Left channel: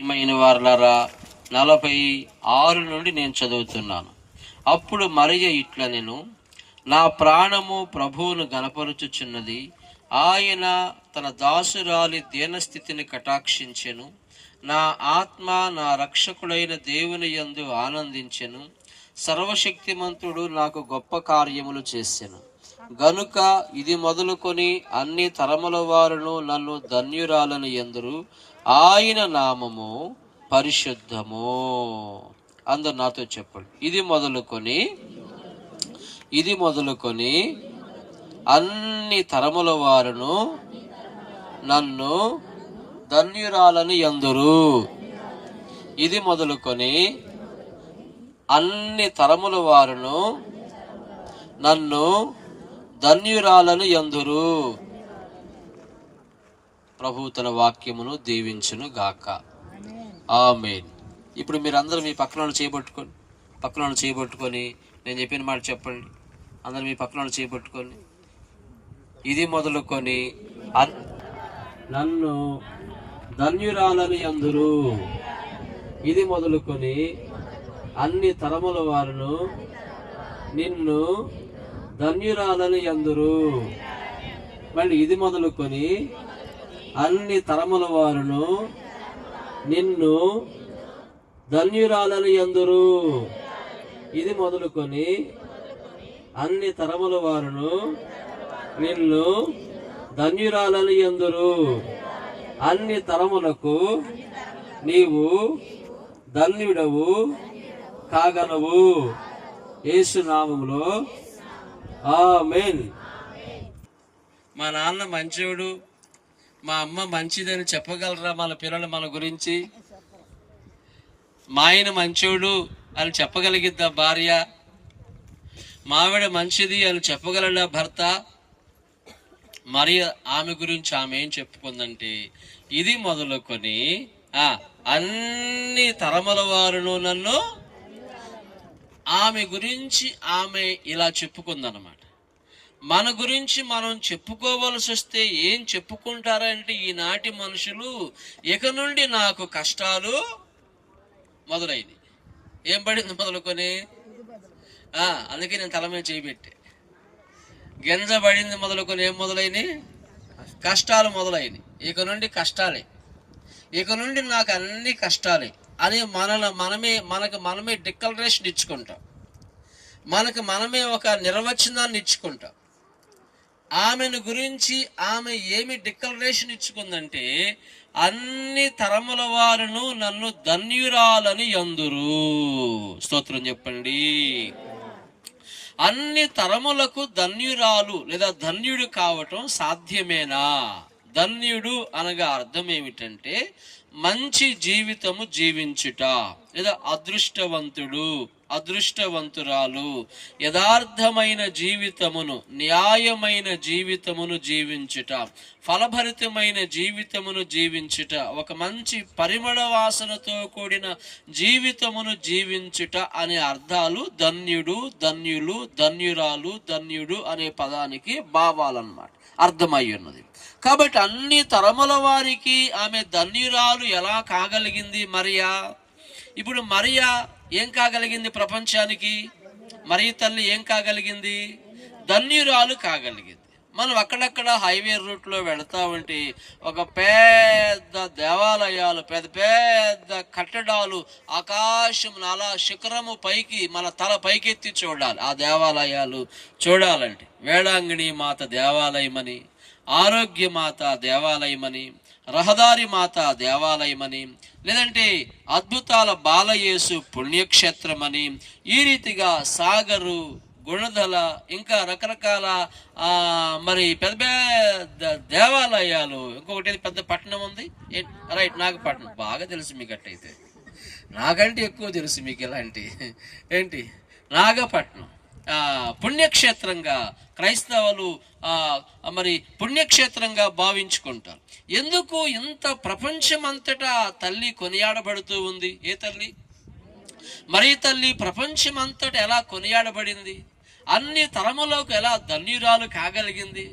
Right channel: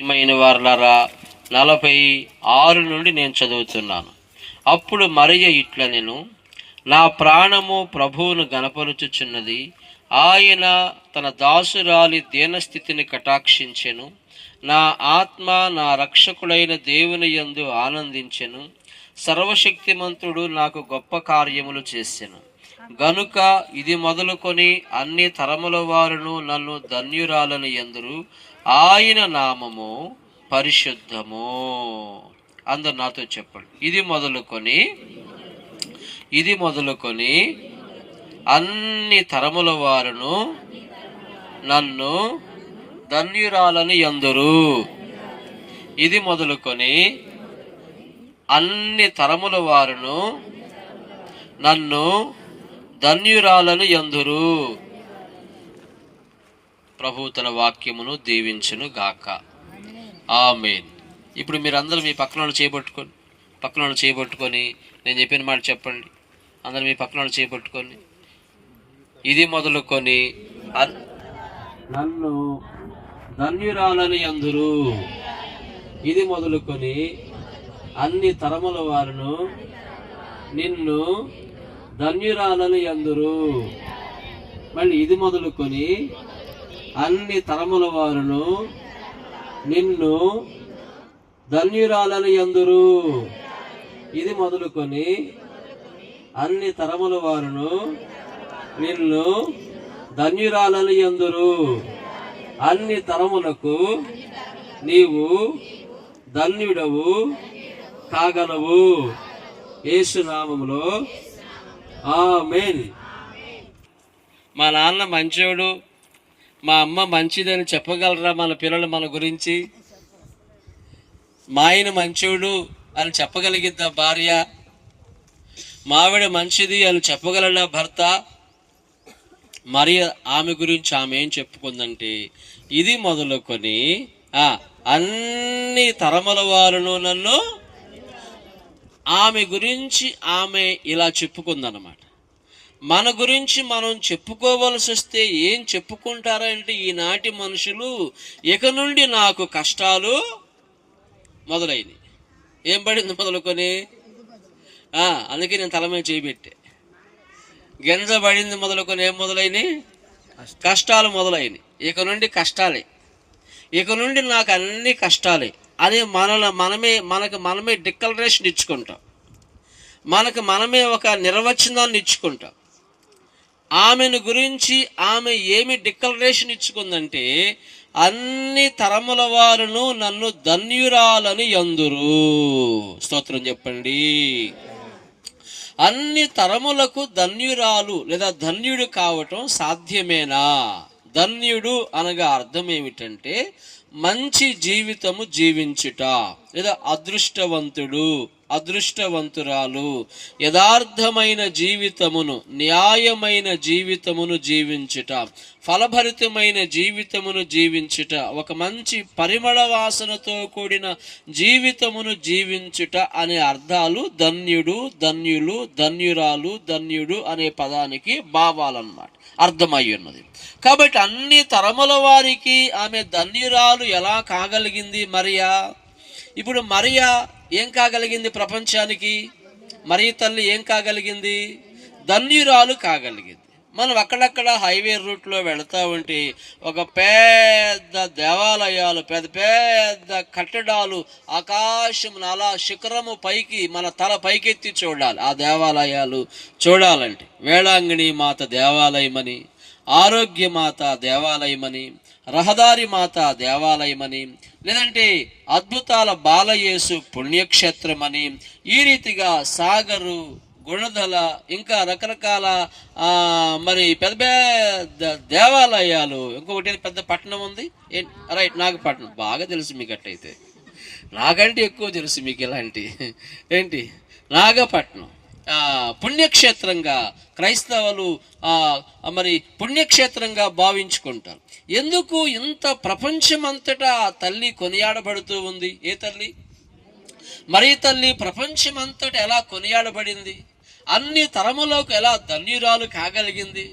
ప్రియమైన వారలారా 46 నుండి నేను చదువుతున్నాను. అప్పుడు మరియ ఇట్ల నేను నా ప్రాణము ప్రభువును గనపరుచుచున్నది. ఆయన తన దాసురాలి దీనస్థితిని కటాక్షించెను. నా ఆత్మ నా రక్షకుడైన దేవుని యందు ఆనందించెను. సర్వశక్తిమంతుడు నాకు గొప్ప కార్యములు చేసెను గనుక ఇది మొదలుకొని అన్ని తరముల వారును నన్ను ధన్యురాలని ఎందురు. ఆయన నామము పరిశుద్ధము. అందరు నాతో చెప్పండి. ఇది మొదలుకొని అన్ని తరముల వారును నన్ను ధన్యురాలని ఎందురు. ఇది మొదలుకొని అన్ని తరముల వారును నన్ను ధన్యురాలని ఎందురు. ప్రభు తన వాక్యమును దీవించును గాక. ఆమేన్. ఇప్పుడు మీరందరూ మీ పక్కన చేయబట్టుకొని నేను చెప్పిన మాట చెప్పండి. అందరూ మీ పక్కన చేయబట్టుకొని ఇది మొదలుకొని నన్ను ధన్యురాలని ఎందురు. ఇది మొదలుకొని అన్ని తరముల వారును నిన్ను ధన్యురాలని ఎందురు. మళ్ళీ ఇది మొదలుకొని అన్ని తరముల వారును నిన్ను ధన్యురాలని ఎందురు. ఇది మొదలుకొని అన్ని తరముల వారును నిన్ను ధన్యురాలని ఎందురు. అన్ని తరములకు నీవు ధన్యుడవు కాగలవు. యేసు నామములో ఆమేన్. మా నాన్న మంచోడు, మా అమ్మ మంచిదని చెప్పగలరా మన పిల్లలు మన గురించి? మా ఆయన మంచోడు అని చెప్పగలిగిద్దా భార్య? మావిడ మంచిది అని చెప్పగలడా భర్త? మరి ఆమె గురించి ఆమె ఏం చెప్పుకుందంటే, ఇది మొదలుకొని అన్ని తరముల వారును నన్ను, ఆమె గురించి ఆమె ఇలా చెప్పుకుందన్నమాట. మన గురించి మనం చెప్పుకోవలసి వస్తే ఏం చెప్పుకుంటారంటే, ఈనాటి మనుషులు ఇక నుండి నాకు కష్టాలు మొదలైనవి. ఏం పడింది మొదలుకొని? అందుకే నేను తల మీద చేయబెట్టే. గింజ పడింది మొదలుకొని ఏం మొదలైనవి? కష్టాలు మొదలైనవి. ఇక నుండి కష్టాలే, ఇక నుండి నాకు అన్ని కష్టాలే అని మనకు మనమే డిక్లరేషన్ ఇచ్చుకుంటాం. మనకు మనమే ఒక నిర్వచనాన్ని ఇచ్చుకుంటాం. ఆమెను గురించి ఆమె ఏమి డిక్లరేషన్ ఇచ్చుకుందంటే, అన్ని తరముల వారును నన్ను ధన్యురాలని ఎందురు. స్తోత్రం చెప్పండి. అన్ని తరములకు ధన్యురాలు లేదా ధన్యుడు కావటం సాధ్యమేనా? ధన్యుడు అనగా అర్థం ఏమిటంటే మంచి జీవితము జీవించుట, లేదా అదృష్టవంతుడు, అదృష్టవంతురాలు, యథార్థమైన జీవితమును, న్యాయమైన జీవితమును జీవించుట, ఫలభరితమైన జీవితమును జీవించుట, ఒక మంచి పరిమళ వాసనతో కూడిన జీవితమును జీవించుట అనే అర్థాలు ధన్యుడు, ధన్యులు, ధన్యురాలు, ధన్యుడు అనే పదానికి భావాలన్నమాట, అర్థమై ఉన్నది. కాబట్టి అన్ని తరముల వారికి ఆమె ధన్యురాలు ఎలా కాగలిగింది మరియా? ఇప్పుడు మరియా ఏం కాగలిగింది ప్రపంచానికి? మరియ తల్లి ఏం కాగలిగింది? ధన్యురాలు కాగలిగింది. మనం అక్కడక్కడ హైవే రూట్లో వెళతా ఉంటే ఒక పెద్ద దేవాలయాలు, పెద్ద పెద్ద కట్టడాలు, ఆకాశం అలా శిఖరము పైకి మన తల పైకెత్తి చూడాలి. ఆ దేవాలయాలు చూడాలంటే వేళాంగిణి మాత దేవాలయమని, ఆరోగ్య మాత దేవాలయమని, రహదారి మాత దేవాలయమని, లేదంటే అద్భుతాల బాలయేసు పుణ్యక్షేత్రమని, ఈ రీతిగా సాగరు, గుణదల, ఇంకా రకరకాల మరి పెద్ద పెద్ద దేవాలయాలు. ఇంకొకటి పెద్ద పట్టణం ఉంది, రైట్, నాగపట్నం. బాగా తెలుసు మీకు. అట్టయితే నాకంటే ఎక్కువ తెలుసు మీకు. ఇలాంటి ఏంటి నాగపట్నం పుణ్యక్షేత్రంగా క్రైస్తవులు మరి పుణ్యక్షేత్రంగా భావించుకుంటారు. ఎందుకు ఇంత ప్రపంచమంతటా తల్లి కొనియాడబడుతూ ఉంది? ఏ తల్లి? మరి తల్లి ప్రపంచమంతటా ఎలా కొనియాడబడింది? అన్ని తరములకు ఎలా ధన్యురాలు కాగలిగింది?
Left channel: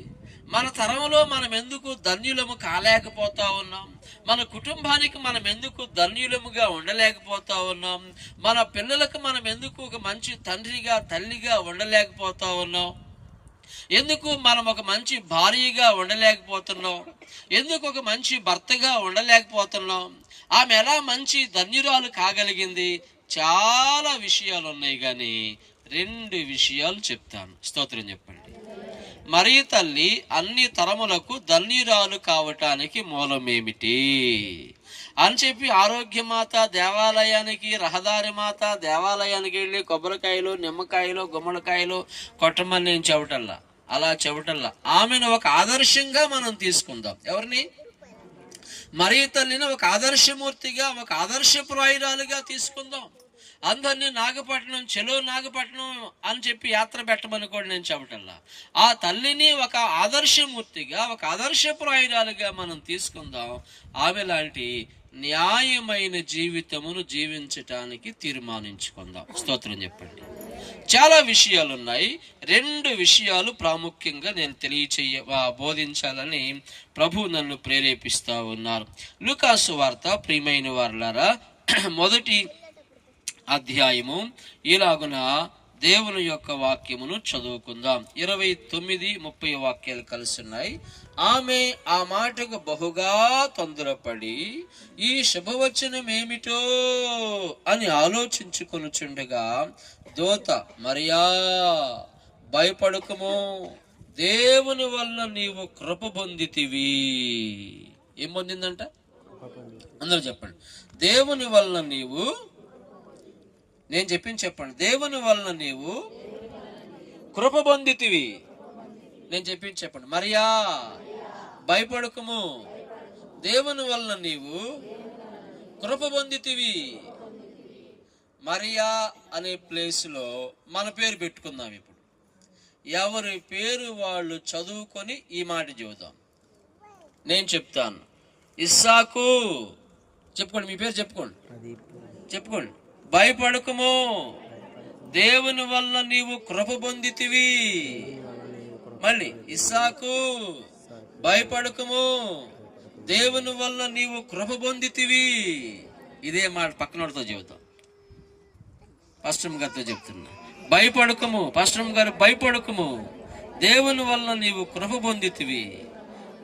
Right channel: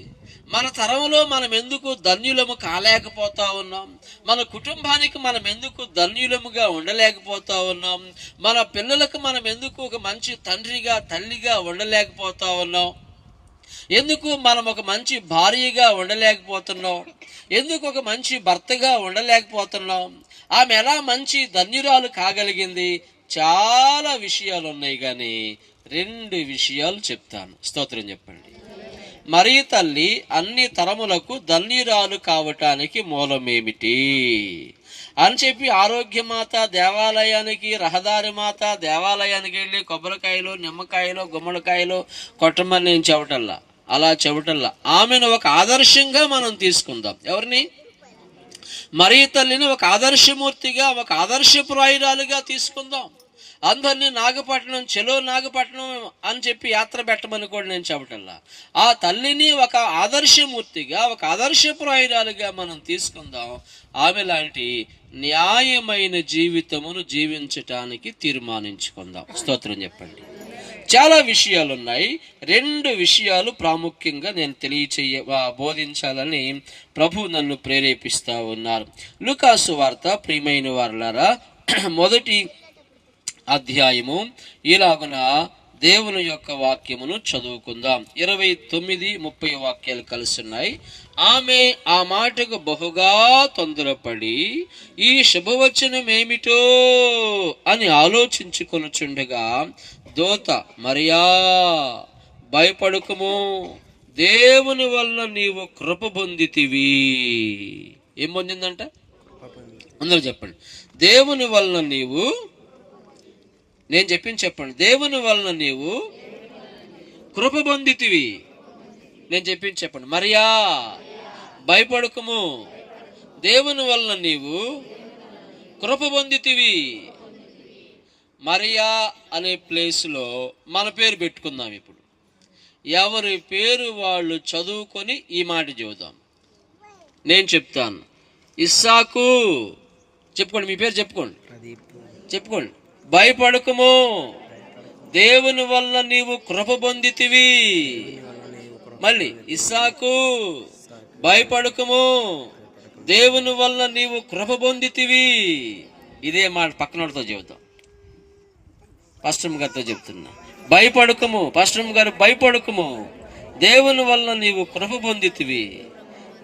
మన తరంలో మనం ఎందుకు ధన్యులము కాలేకపోతా ఉన్నాం? మన కుటుంబానికి మనం ఎందుకు ధన్యులముగా ఉండలేకపోతా ఉన్నాం? మన పిల్లలకు మనం ఎందుకు ఒక మంచి తండ్రిగా తల్లిగా ఉండలేకపోతా ఉన్నాం? ఎందుకు మనం ఒక మంచి భార్యగా ఉండలేకపోతున్నాం? ఎందుకు ఒక మంచి భర్తగా ఉండలేకపోతున్నాం? ఆమె ఎలా మంచి ధన్యురాలు కాగలిగింది? చాలా విషయాలు ఉన్నాయి, కానీ 2 విషయాలు చెప్తాను. స్తోత్రం చెప్పండి. మరియ తల్లి అన్ని తరములకు ధన్యురాలు కావటానికి మూలమేమిటి అని చెప్పి ఆరోగ్యమాత దేవాలయానికి, రహదారి మాత దేవాలయానికి వెళ్ళి కొబ్బరికాయలు, నిమ్మకాయలు, గుమ్మడికాయలు కొట్టమని నేను చెవటల్లా, అలా చెవటల్లా. ఆమెను ఒక ఆదర్శంగా మనం తీసుకుందాం. ఎవరిని? మరియ తల్లిని ఒక ఆదర్శమూర్తిగా, ఒక ఆదర్శప్రాయురాలుగా తీసుకుందాం. అందరినీ నాగపట్నం, చెలో నాగపట్నం అని చెప్పి యాత్ర పెట్టమని కూడా నేను చెప్పటల్లా. ఆ తల్లిని ఒక ఆదర్శమూర్తిగా, ఒక ఆదర్శప్రాయురాలుగా మనం తీసుకుందాం. ఆమె లాంటి న్యాయమైన జీవితమును జీవించటానికి తీర్మానించుకుందాం. స్తోత్రం చెప్పండి. చాలా విషయాలు ఉన్నాయి. 2 విషయాలు ప్రాముఖ్యంగా నేను బోధించాలని ప్రభు నన్ను ప్రేరేపిస్తా ఉన్నారు. లూకాసు వార్త, ప్రియమైన వారలారా, 1వ అధ్యాయము ఇలాగున దేవుని యొక్క వాక్యమును చదువుకుందాం. 29, 30 వాక్యాలు కలిసి ఉన్నాయి. ఆమె ఆ మాటకు బహుగా తొందరపడి ఈ శుభవచనం ఏమిటో అని ఆలోచించుకొనుచుండగా దూత, మరియా భయపడకుము, దేవుని వల్ల నీవు కృప పొందితివి. ఏం పొందిందంట? అందరూ చెప్పండి. దేవుని వల్ల నీవు, నేను చెప్పింది చెప్పండి. దేవుని వలన నీవు కృప పొందితివి. నేను చెప్పింది చెప్పండి. మరియా భయపడకుము, దేవుని వలన నీవు కృప పొందితివి. మరియా అనే ప్లేస్లో మన పేరు పెట్టుకుందాం. ఇప్పుడు ఎవరి పేరు వాళ్ళు చదువుకొని ఈ మాట చెబుదాం. నేను చెప్తాను. ఇస్సాకు చెప్పుకోండి. మీ పేరు చెప్పుకోండి, చెప్పుకోండి. భయపడకుము, దేవుని వల్ల నీవు కృప పొందితివి. మళ్ళీ ఇస్సాకు భయపడకుము, దేవుని వల్ల నీవు కృప పొందితివి. ఇదే మాట పక్కనతో చెబుతాం. పాస్టర్ గారితో చెప్తున్నా. భయపడకుము, పాస్టర్ గారు భయపడకుము, దేవుని వల్ల నీవు కృప పొందితివి.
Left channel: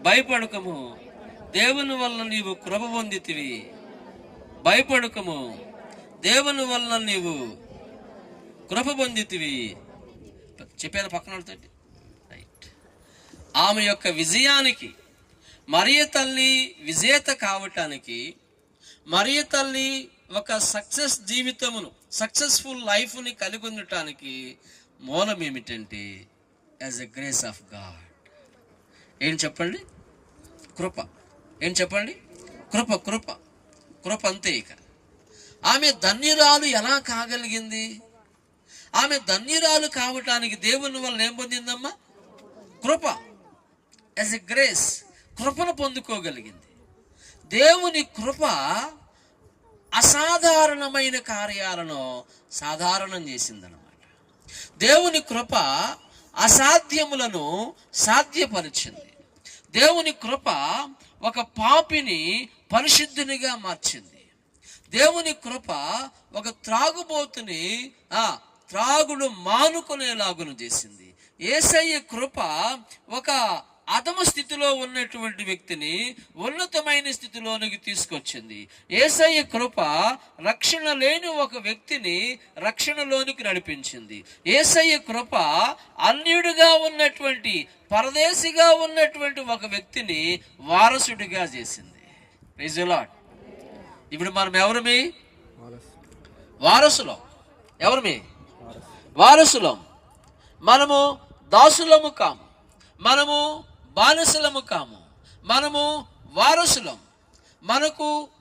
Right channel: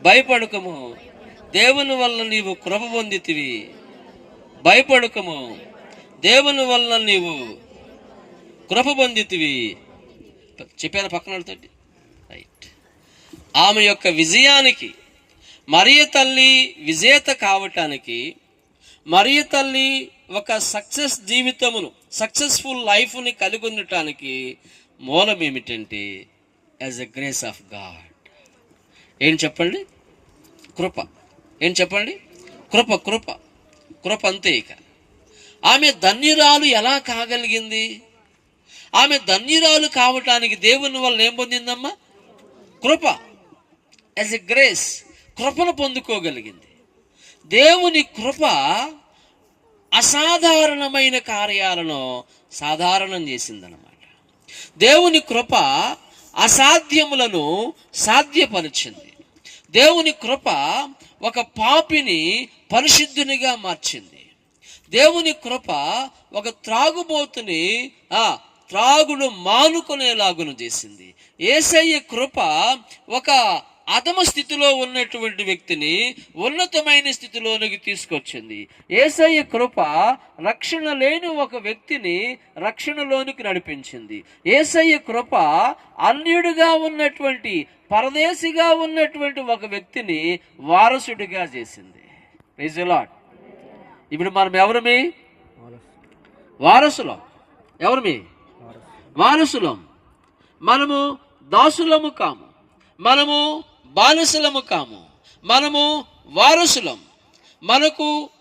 భయపడకుము, దేవుని వల్ల నీవు కృప పొందితివి. భయపడకుము, దేవుని వల్ల నీవు కృప పొందితివి. చెప్పాను పక్కన. రైట్. ఆమె యొక్క విజయానికి, మరియ తల్లి విజేత కావటానికి, మరియ తల్లి ఒక సక్సెస్ఫుల్ లైఫ్ని కలిగి ఉండటానికి మూలం ఏమిటంటే as a grace of God. ఏం చెప్పండి? కృప. ఏం చెప్పండి? కృప. కృప, కృప అంతే. ఇక ఆమె ధన్యురాలు ఎలా కాగలిగింది? ఆమె ధన్యురాలు కావటానికి దేవుని వల్ల ఏం పొందిందమ్మా? కృప. యాజ్ ఎ గ్రేస్, కృపను పొందుకోగలిగింది. దేవుని కృప అసాధారణమైన కార్యాలను సాధారణం చేసిందన్నమాట. దేవుని కృప అసాధ్యములను సాధ్యపరిచింది. దేవుని కృప ఒక పాపిని పరిశుద్ధునిగా మార్చింది. దేవుని కృప ఒక త్రాగుబోతుని త్రాగుడు మానుకునేలాగును చేసింది. యేసయ్య కృప ఒక అధమ స్థితిలో ఉన్నటువంటి వ్యక్తిని ఉన్నతమైన స్థితిలోనికి తీసుకొచ్చింది. యేసయ్య కృప రక్షణ లేని ఒక వ్యక్తిని రక్షణలోనికి నడిపించింది. యేసయ్య కృప అన్యుడిగా ఉన్నటువంటి, పరదేశిగా ఉన్నటువంటి ఒక వ్యక్తిని వారసుడిగా చేసింది. Praise the lord. ఇప్పుడు మనం ఎవరిమి? వారసులం. ఎవరిమి? వారసులం. మనము దాసులము కాము, మనము బానిసలము కాము, మనము వారసులం.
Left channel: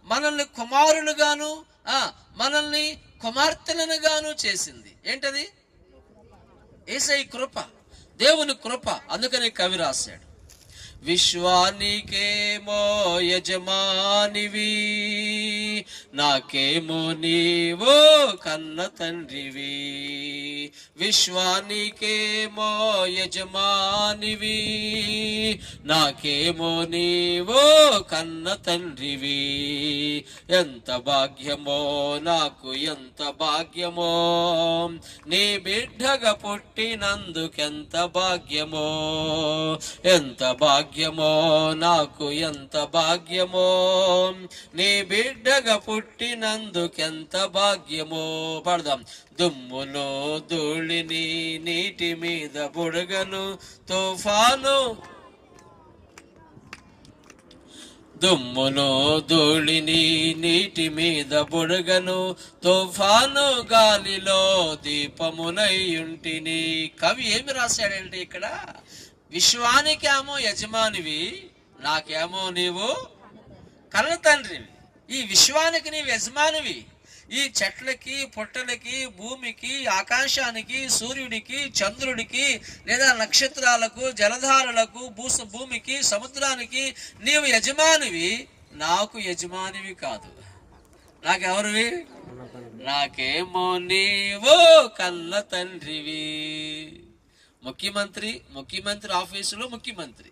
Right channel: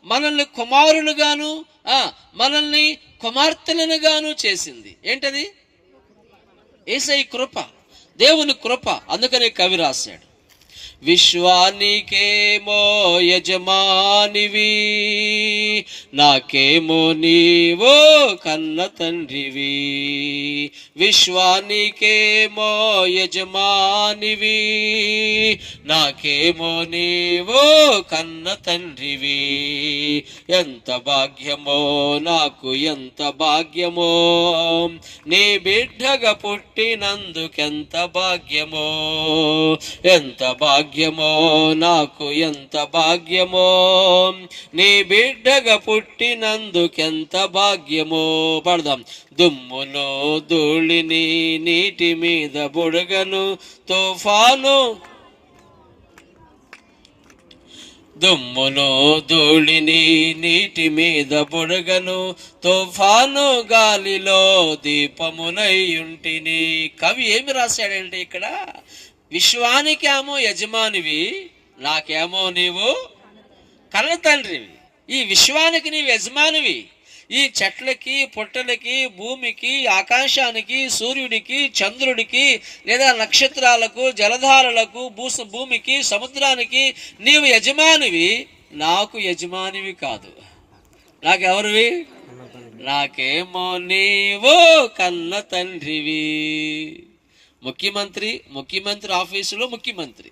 మనల్ని కుమారులుగాను మనల్ని కుమార్తెలనుగాను చేసింది. ఏంటది? యేసయ్య కృప, దేవుని కృప. అందుకని కవి రాశాడు, విశ్వానికేమో యజమానివి, నాకేమో నీవో కన్న తండ్రివి. విశ్వానికేమో యజమానివి, నాకేమో నీవో కన్న తండ్రివి. ఎంత భాగ్యమో నాకు ఎంత భాగ్యమో, నీ బిడ్డగా పుట్టినందుకెంత భాగ్యమో. ఎంత భాగ్యమో నాకు ఎంత భాగ్యమో, నీ బిడ్డగా పుట్టినందుకెంత భాగ్యమో. పడదాం. దుమ్ములో ధూళిని నీటి మీద బుడగను తుఫాను, దుమ్ములో ధూళిని నీటి మీద బుడగను తుఫాను గాలిలో దీపమునయ్యుంటిని. కవి ఏమి రాశాడంటే ఇక్కడ, విశ్వానికేమో యజమానివి, నాకేమో నీవు కన్న తండ్రివి. ఈ విశ్వానికి నీవు యజమానివి. ఈ చెట్లకి, పుట్టలకి, భూమికి, ఆకాశానికి, సూర్యుడికి, చంద్రుడికి, లేదా నక్షత్రాలకు, జలధారలకు, భూమికి, సముద్రానికి నీవు యజమానివి. నాకు యజమానివి కాదు. నాకెవరివి? నాకేమో నీవు కన్న తండ్రివి. ముఖ్యమంత్రి ఆఫీసులో ముఖ్యమంత్రి,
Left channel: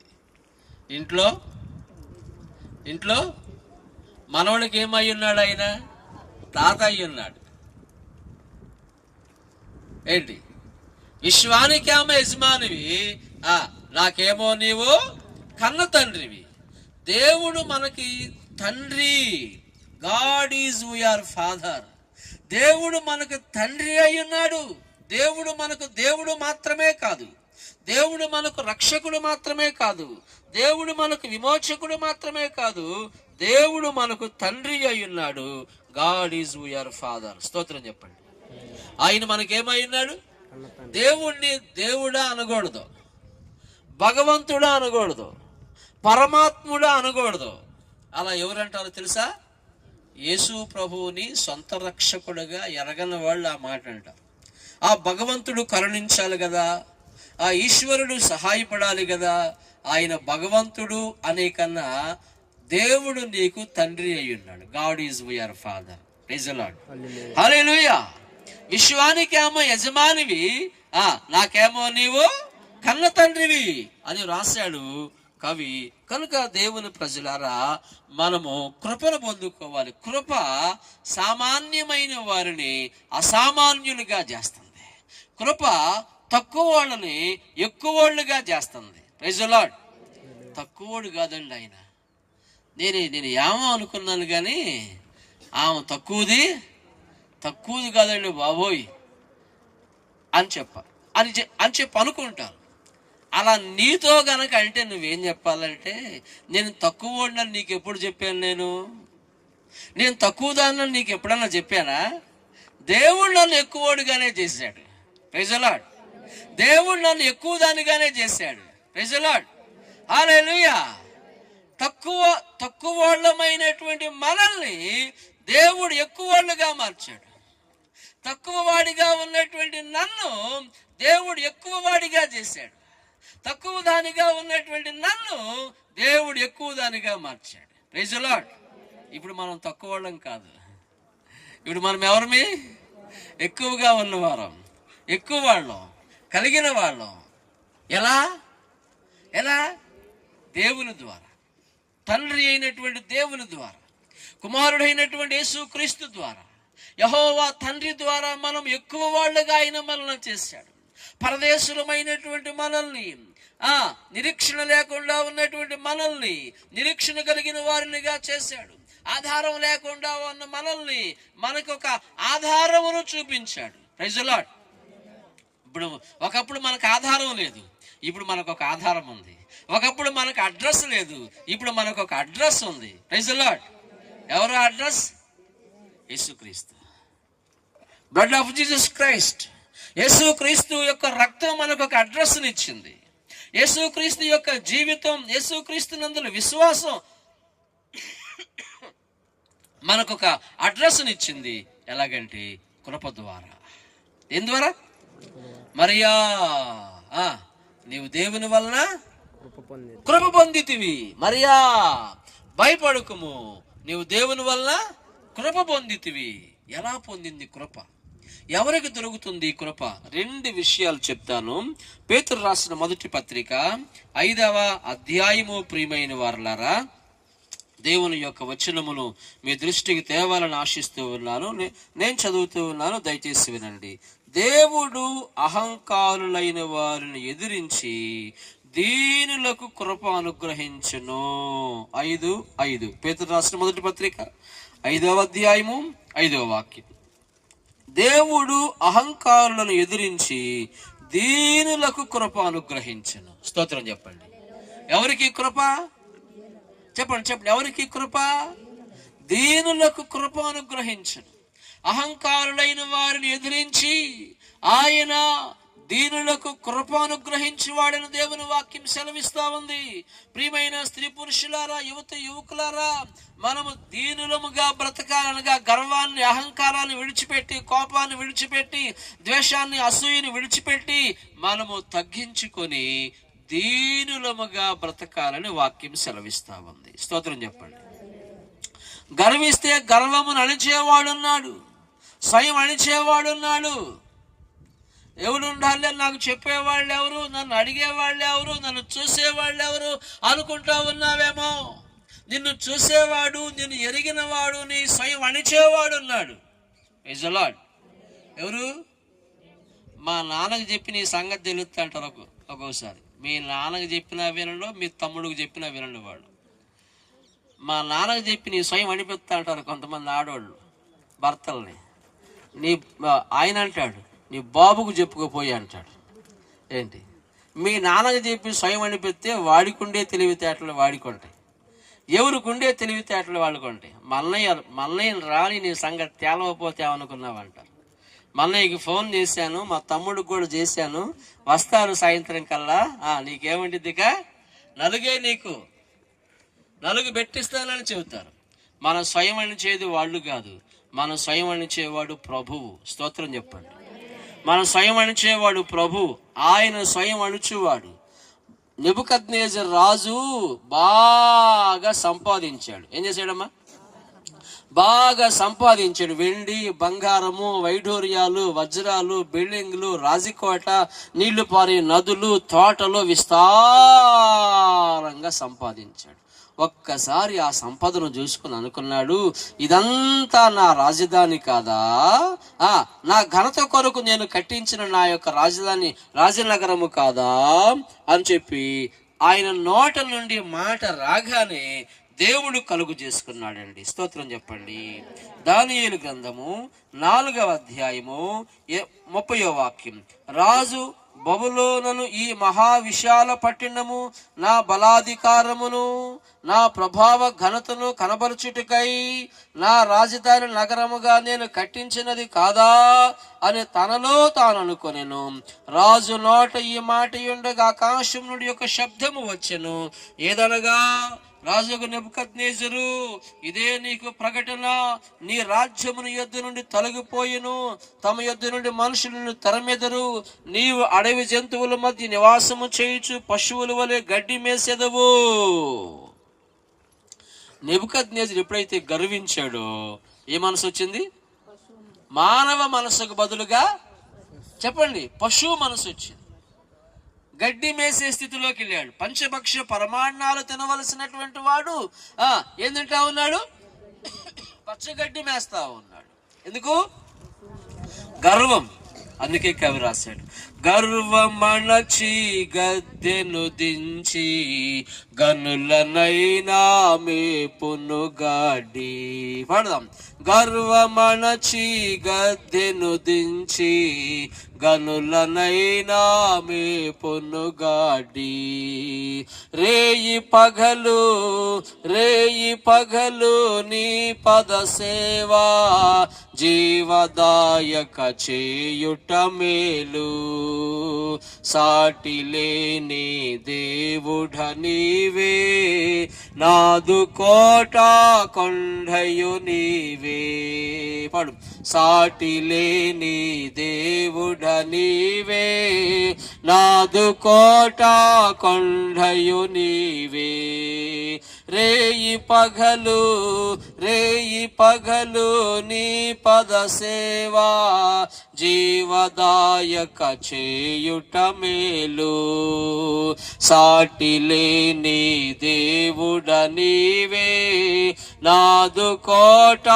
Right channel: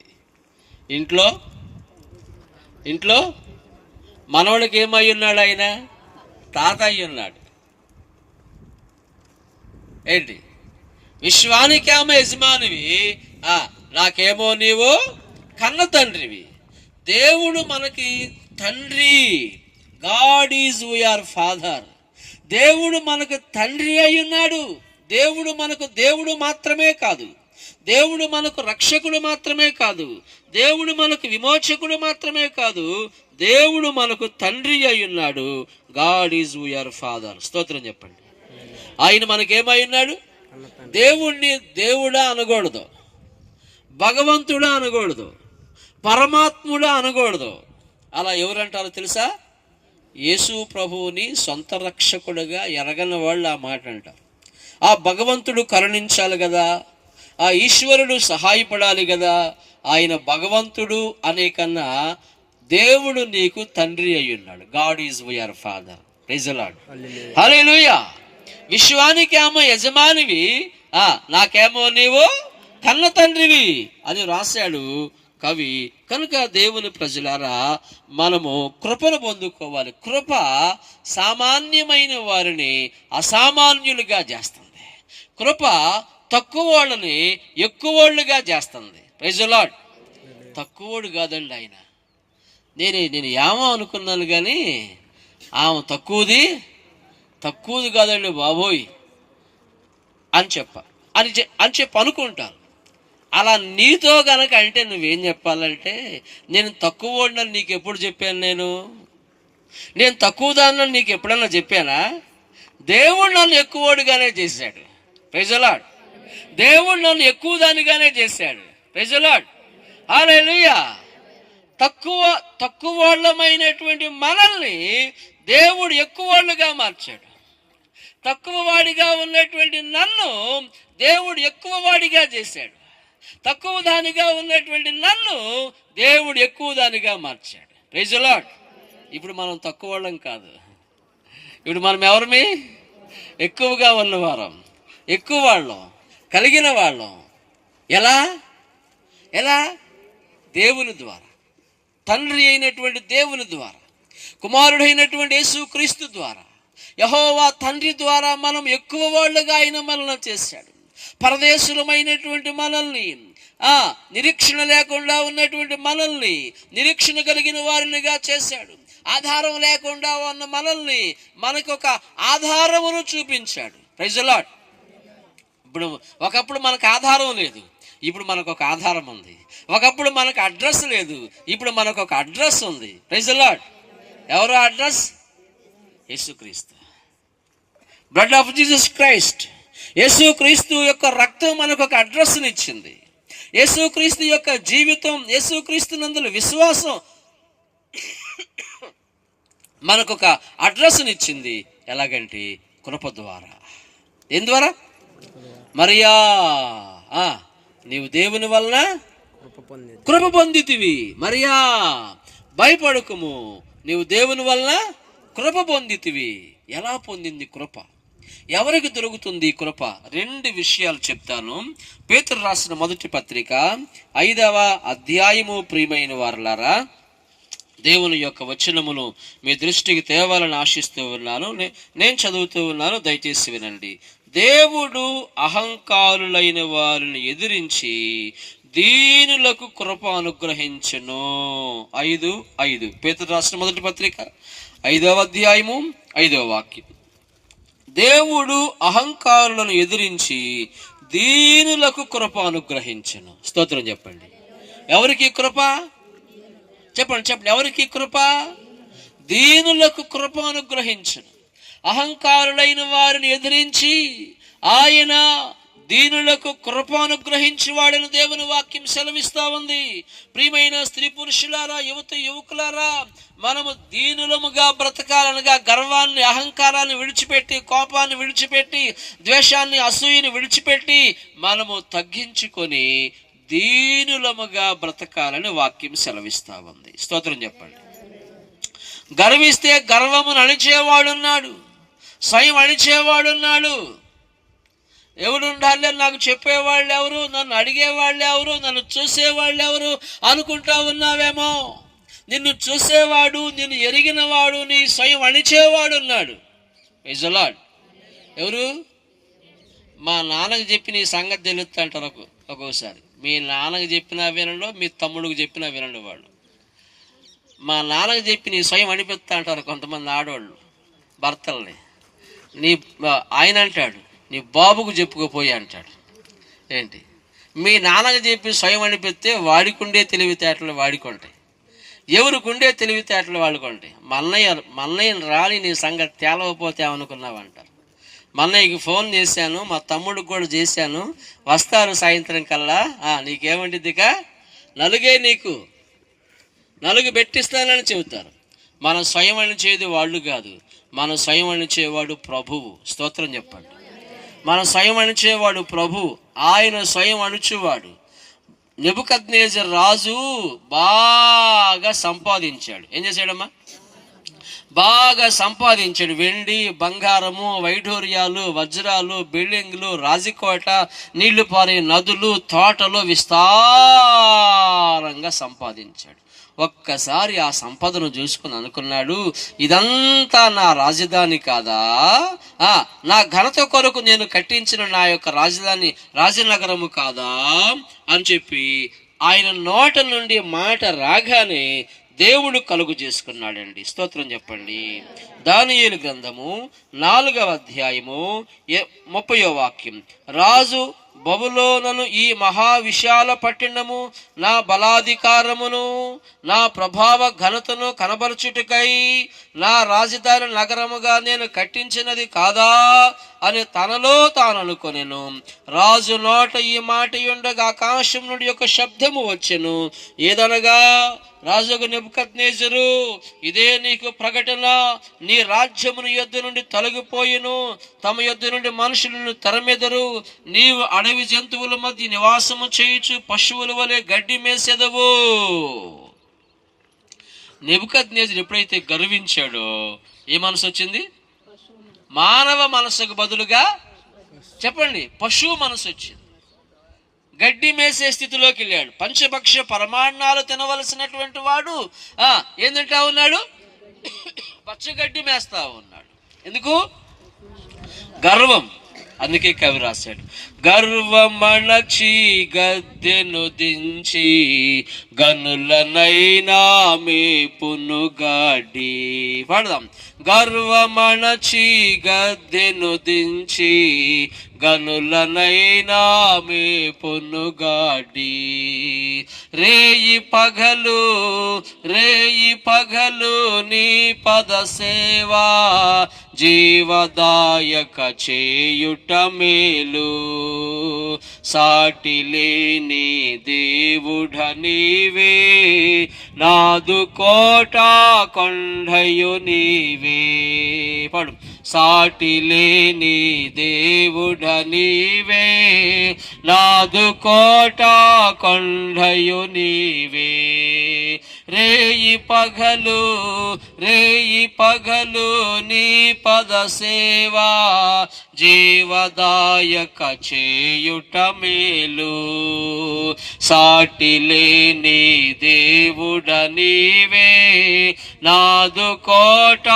ఇంట్లో మనవాళ్ళకి ఏమై ఉన్నాడు? ఆయన తాత అయి ఉన్నాడు. ఏంటి? విశ్వానికేమో యజమానివి, నాకేమో నీవు కన్న తండ్రివి. దేవుడు మనకి తండ్రి. God is our father. దేవుడు మనకు తండ్రి అయి ఉన్నాడు. దేవుడు మనకు దేవుడు మాత్రమే కాదు, దేవుడు మనకు రక్షకుడు మాత్రమే కాదు, దేవుడు మనకు విమోచకుడు మాత్రమే కాదు, దేవుడు మనకు తండ్రి అయి ఉన్నాడు. God is our father. స్తోత్రం చెప్పండి. ఆయన మనకేమై ఉన్నాడు? దేవుణ్ణి దేవుడా అనకూడదు, భగవంతుడా అనకూడదు, పరమాత్ముడా అనకూడదు. అలా ఎవరంటారో తెలుసా? యేసు ప్రభువుని సొంత రక్షకుడుగా ఎరగని వాళ్ళు ఆ మాట అంటారు. ఆ భగవంతుడు కరుణించాలి కదా, ఆ ఈశ్వరుడు సహాయపడాలి కదా. ఆయన భగవంతుడు అనే కన్నా దేవుడు నీకు తండ్రి అయి ఉన్నాడు. God is our father. Praise the Lord. Hallelujah. విశ్వానికేమో యజమానివి, నాకేమో నీవు కన్న తండ్రివి అని రాశాడు కవి. కనుక దేవుని ప్రజలారా, మనము కృపను పొందుకోవాలి. కృప సామాన్యమైన వారిని అసామాన్యులుగా చేస్తుంది. కృప తక్కువ వాళ్ళని ఎక్కువ వాళ్ళుగా చేస్తుంది. Praise the lord. తక్కువోడు కాదండి ఆయన. నేను ఏమో అనుకున్నాను కానీ ఆమె తక్కువది కాదండి బాబోయ్ అని చెప్పి అనుకుంటాను. అలా నీతో గనక అంటే నువ్వేం చెప్పాలంటే, నేను తక్కువ వాడినని నీకు ఎప్పుడు చెప్పాను? నేను తక్కువ దాన్ని నీకు ఎప్పుడన్నా చెప్పానా? దేవుడు నన్ను ఎక్కువగానే చేశాడు. Praise the Lord. దేవుడు నన్ను ఎక్కువ దానిగానే చేశాడు. Praise the Lord. హల్లెలూయా. తక్కువ వాళ్ళమైనటువంటి మనల్ని దేవుడు ఎక్కువ వాళ్ళుగా మార్చాడు. తక్కువ వాడిగా ఉన్నటువంటి నన్ను దేవుడు ఎక్కువ వాడిగా చేశాడు. తక్కువ దానిగా ఉన్నటువంటి నన్ను దేవుడు ఎక్కువ దానిగా మార్చాడు. Praise the lord. ఇప్పుడు మనం తక్కువ వాళ్ళం కాదు. ఇప్పుడు మనం ఎవరిమి? ఎక్కువగా ఉన్నవారం, ఎక్కువ వాళ్ళం, కలిగిన వాళ్ళం. ఎలా? దేవుని ద్వారా, తండ్రి అయినటువంటి దేవుని ద్వారా, కుమారుడైనటువంటి యేసుక్రీస్తు ద్వారా, యెహోవా తండ్రి ద్వారా మనం ఎక్కువ వాళ్ళుగా ఆయన మనల్ని చేశాడు. పరదేశులమైనటువంటి మనల్ని, నిరీక్షణ లేకుండా ఉన్నటువంటి మనల్ని నిరీక్షణ కలిగిన వారినిగా చేశాడు. ఆధారం లేకుండా ఉన్న మనల్ని మనకొక ఆధారమును చూపించాడు. Praise the lord. ఇప్పుడు ఒకప్పుడు మనకు ఆధారం లేదు, ఇప్పుడు మనకు ఒక ఆధారం ఉంది. ఒకప్పుడు మనకు అడ్రస్ లేదు, ఇప్పుడు మనకు ఒక అడ్రస్ ఉంది. Praise the lord. ఎవరో అడ్రస్? యేసుక్రీస్తు. Blood of Jesus Christ. యేసుక్రీస్తు యొక్క రక్తం మనకు ఒక అడ్రస్ని ఇచ్చింది. యేసుక్రీస్తు యొక్క జీవితం, యేసుక్రీస్తు నందుల విశ్వాసం మనకు ఒక అడ్రస్ని ఇచ్చింది. ఎలాగంటే కృప ద్వారా. ఏం ద్వారా? మరియా, నీవు దేవుని వలన కృప పొందితివి. మరియా భయపడకుము, నీవు దేవుని వల్ల కృప పొందితివి. ఎలా పొందింది కృప? ఎవరికి దొరుకుతుంది కృప? 2 విషయాలు చెప్తాను. పేతురు రాసిన మొదటి పత్రిక 5వ అధ్యాయము. ప్రియమైన వారలారా, దేవుని యొక్క వచనమును మీ దృష్టికి తేవాలని ఆశిస్తూ ఉన్నాను. నేను చదువుతూ ఉన్నాను, దయచేసి వినండి. దేవుడు అహంకారులైన వారిని ఎదిరించి దీనులకు కృప అనుగ్రహించును. 5:5 పేతురు రాసిన మొదటి పత్రిక 5వ అధ్యాయము 5వ వాక్యం. దేవుడు అహంకారులను ఎదిరించి దీనులకు కృప అనుగ్రహించును. స్తోత్రం చెప్పండి. ఎవరికి కృప? చెప్పండి. ఎవరికి కృప? దీనులకు కృప అనుగ్రహించును. అహంకారులైన వారిని ఎదిరించి ఆయన దీనులకు కృప అనుగ్రహించేవాడని దేవుని వాక్యం సెలవిస్తా ఉంది. ప్రియమైన స్త్రీ పురుషులారా, యువకులారా, మనము దీనులముగా బ్రతకాలనగా గర్వాన్ని, అహంకారాన్ని విడిచిపెట్టి, కోపాన్ని విడిచిపెట్టి, ద్వేషాన్ని, అసూయని విడిచిపెట్టి మనము తగ్గించుకొని దీనులముగా బ్రతకాలని వాక్యం సెలవిస్తా ఉంది. స్తోత్రం చెప్పండి. గర్విస్తే గర్వమును అణిచేవాడున్నాడు, స్వయం అణిచేవాడున్నాడు. ఎవడుండాలి, నాకు చెప్పేవాళ్ళు ఎవరు, నన్ను అడిగేవాళ్ళు ఎవరు, నన్ను చూసేవాళ్ళు ఎవరు అనుకుంటా ఉన్నావేమో. నిన్ను చూసేవాడు, నిన్ను ఎరిగినవాడు, నీ స్వయం అణిచేవాడు ఉన్నాడు. Praise the lord. ఎవరు? మా నాన్నకి చెప్పి నీ సంగతి తెలుస్తా అంటారు ఒక్కోసారి. మీ నాన్నకి చెప్పినా వినడు, మీ తమ్ముడికి చెప్పినా వినడు వాడు. మా నాన్నకి చెప్పి నీ స్వయం అనిపిస్తా అంటారు కొంతమంది ఆడవాళ్ళు భర్తల్ని. ఆయన అంటాడు, నీ బాబుకు చెప్పుకోపోయి అంటాడు. ఏంటి? మీ నాన్నకి చెప్పి స్వయం అనిపిస్తే వాడికుండే తెలివితేటలు వాడికొంటాయి, ఎవరికుండే తెలివితేటలు వాళ్ళుకుంటాయి. మన్నయ్యని రాని నీ సంగతి తేలవపోతే ఏమనుకున్నావంటారు. మన్నయ్యకి ఫోన్ చేశాను, మా తమ్ముడికి కూడా చేశాను, వస్తారు సాయంత్రం కల్లా. నీకేమంటిదిక నలుగే, నీకు నలుగు పెట్టిస్తానని చెబుతారు. మన స్వయం అణిచేది వాళ్ళు కాదు, మన స్వయం అణిచేవాడు ప్రభువు. స్తోత్రం చెప్పండి. మన స్వయం అణిచేవాడు ప్రభు, ఆయన స్వయం అణుచువాడు. నెబుకద్నెజరు రాజు బాగా సంపాదించాడు. ఏం చేశాడమ్మా? బాగా సంపాదించాడు. వెండి, బంగారము, వైఢూర్యాలు, వజ్రాలు, బిల్డింగ్లు, రాజకోట, నీళ్లు పారే నదులు, తోటలు విస్తారంగా సంపాదించాడు. ఒక్కసారి ఆ సంపదను చూసుకుని అనుకున్నాడు, ఇదంతా నా రాజధాని కాదా? నా ఘనత కొరకు నేను కట్టించిన నా యొక్క రాజనగరము కాదా అని చెప్పి ఆయన నోట నుండి మాట రాగానే దేవుడు కలుగు చేసుకున్నాడండి. స్తోత్రం చెప్పండి. దానియేలు గ్రంథము 4వ అధ్యాయము 30వ వాక్యం. రాజు బబులోనును ఈ మహావిశాల పట్టణము నా బలాధికారమును నా ప్రభావ ఘనతను కనబరుచుటకై నా రాజధాని నగరముగా నేను కట్టించినది కాదా అని తనలో తాను అనుకొనెను. రాజు నోట ఈ మాట ఉండగా ఆకాశం నుండి ఒక శబ్దము వచ్చెను. ఏదనగా, రాజుకు నెబుకద్నెజరు, ఇదే నీకు ప్రకటన, నీ రాజ్యమును యుద్ధ నుండి తొలగిపోయిను, తమ యుద్ధ నుండి మనుషులను తరమెదరు, నీవు అడవి జంతువుల మధ్య నివాసము చేయుచు పశువుల వలె గడ్డి మేసెదవు. నెబుకద్నెజరు ఎప్పుడైతే గర్వించాడో ఏ మనసు వచ్చింది? మానవ మనసుకు బదులుగా చెప్పండి, పశువు మనసు వచ్చింది. గడ్డి మేసే స్థితిలోకి వెళ్ళాడు. పంచభక్ష పరమాన్నాలు తినవలసినటువంటి వాడు ఏం తింటా ఉన్నాడు? పచ్చగడ్డి మేస్తా ఉన్నాడు. ఎందుకు? గర్వం. అందుకే కవి రాశాడు, గర్వమణచి గద్దెను దించి గనులనైనా మేపును గాడి. పాడదాం. గర్వమణచి గద్దెను దించి గనులనైనా మేపును గాడి. రేయి పగలు నీ పద సేవా జీవదాయక చేయుట మేలు. సాటి లేని దేవుడ నీవే, నాదు కోట కొండయు నీవే. పాడు. సాటి లేని దేవుడ నీవే, నాదు కోట కొండయు నీవే. రేయి పగలు నీ పద సేవా, జీవదాయక చేయుట మేలు. సాటి లేని దేవుడ నీవే, నాదు కోట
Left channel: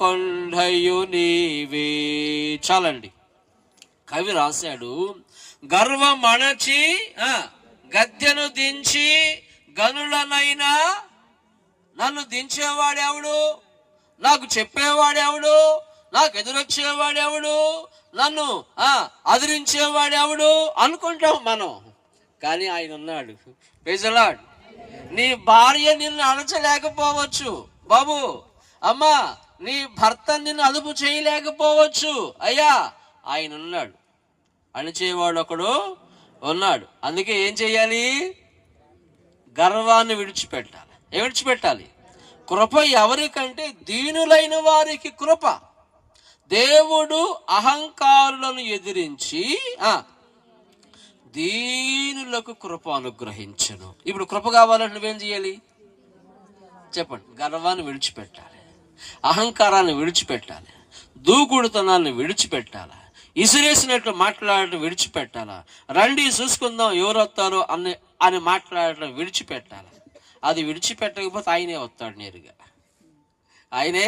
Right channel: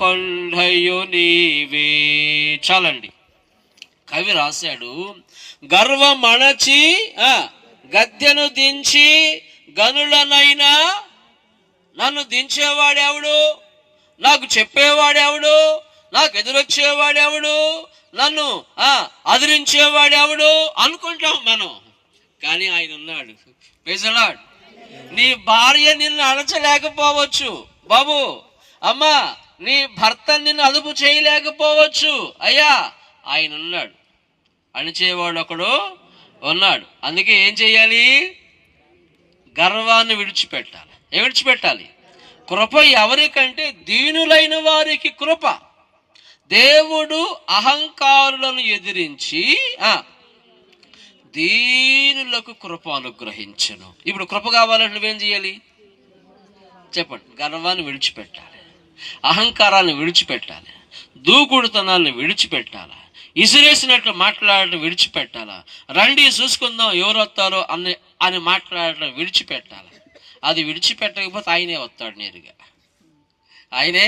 కొండయు నీవే. చాలండి. కవి రాశాడు, గర్వమణచి గద్దెను దించి గనులనైనా నన్ను దించేవాడెవడు, నాకు చెప్పేవాడెవడు, నాకు ఎదురొచ్చేవాడెవడు, నన్ను అదిరించేవాడెవడు అనుకుంటాం మనం. కానీ ఆయన ఉన్నాడు. Praise the lord. నీ భార్య నిన్ను అణచలేకపోవచ్చు బాబు, అమ్మా నీ భర్త నిన్ను అదుపు చేయలేకపోవచ్చు. అయ్యా ఆయన ఉన్నాడు, అణిచేవాడు ఒకడు ఉన్నాడు. అందుకే ఏం చెయ్యాలి? గర్వాన్ని విడిచిపెట్టాలి. కృప ఎవరికంటే దీనులైన వారికి కృప. దేవుడు అహంకారులను ఎదిరించి దీనులకు కృప అనుగ్రహించును. ఇప్పుడు కృప కావాలంటే నువ్వేం చేయాలి చెప్పండి? గర్వాన్ని విడిచిపెట్టాలి, అహంకారాన్ని విడిచిపెట్టాలి, దూకుడుతనాన్ని విడిచిపెట్టాలి, ఇసిరేసినట్లు మాట్లాడటం విడిచిపెట్టాలా. రండి చూసుకుందాం ఎవరు వస్తారో అని మాట్లాడటం విడిచిపెట్టాలి. అది విడిచిపెట్టకపోతే ఆయనే వస్తాడు, నేరుగా ఆయనే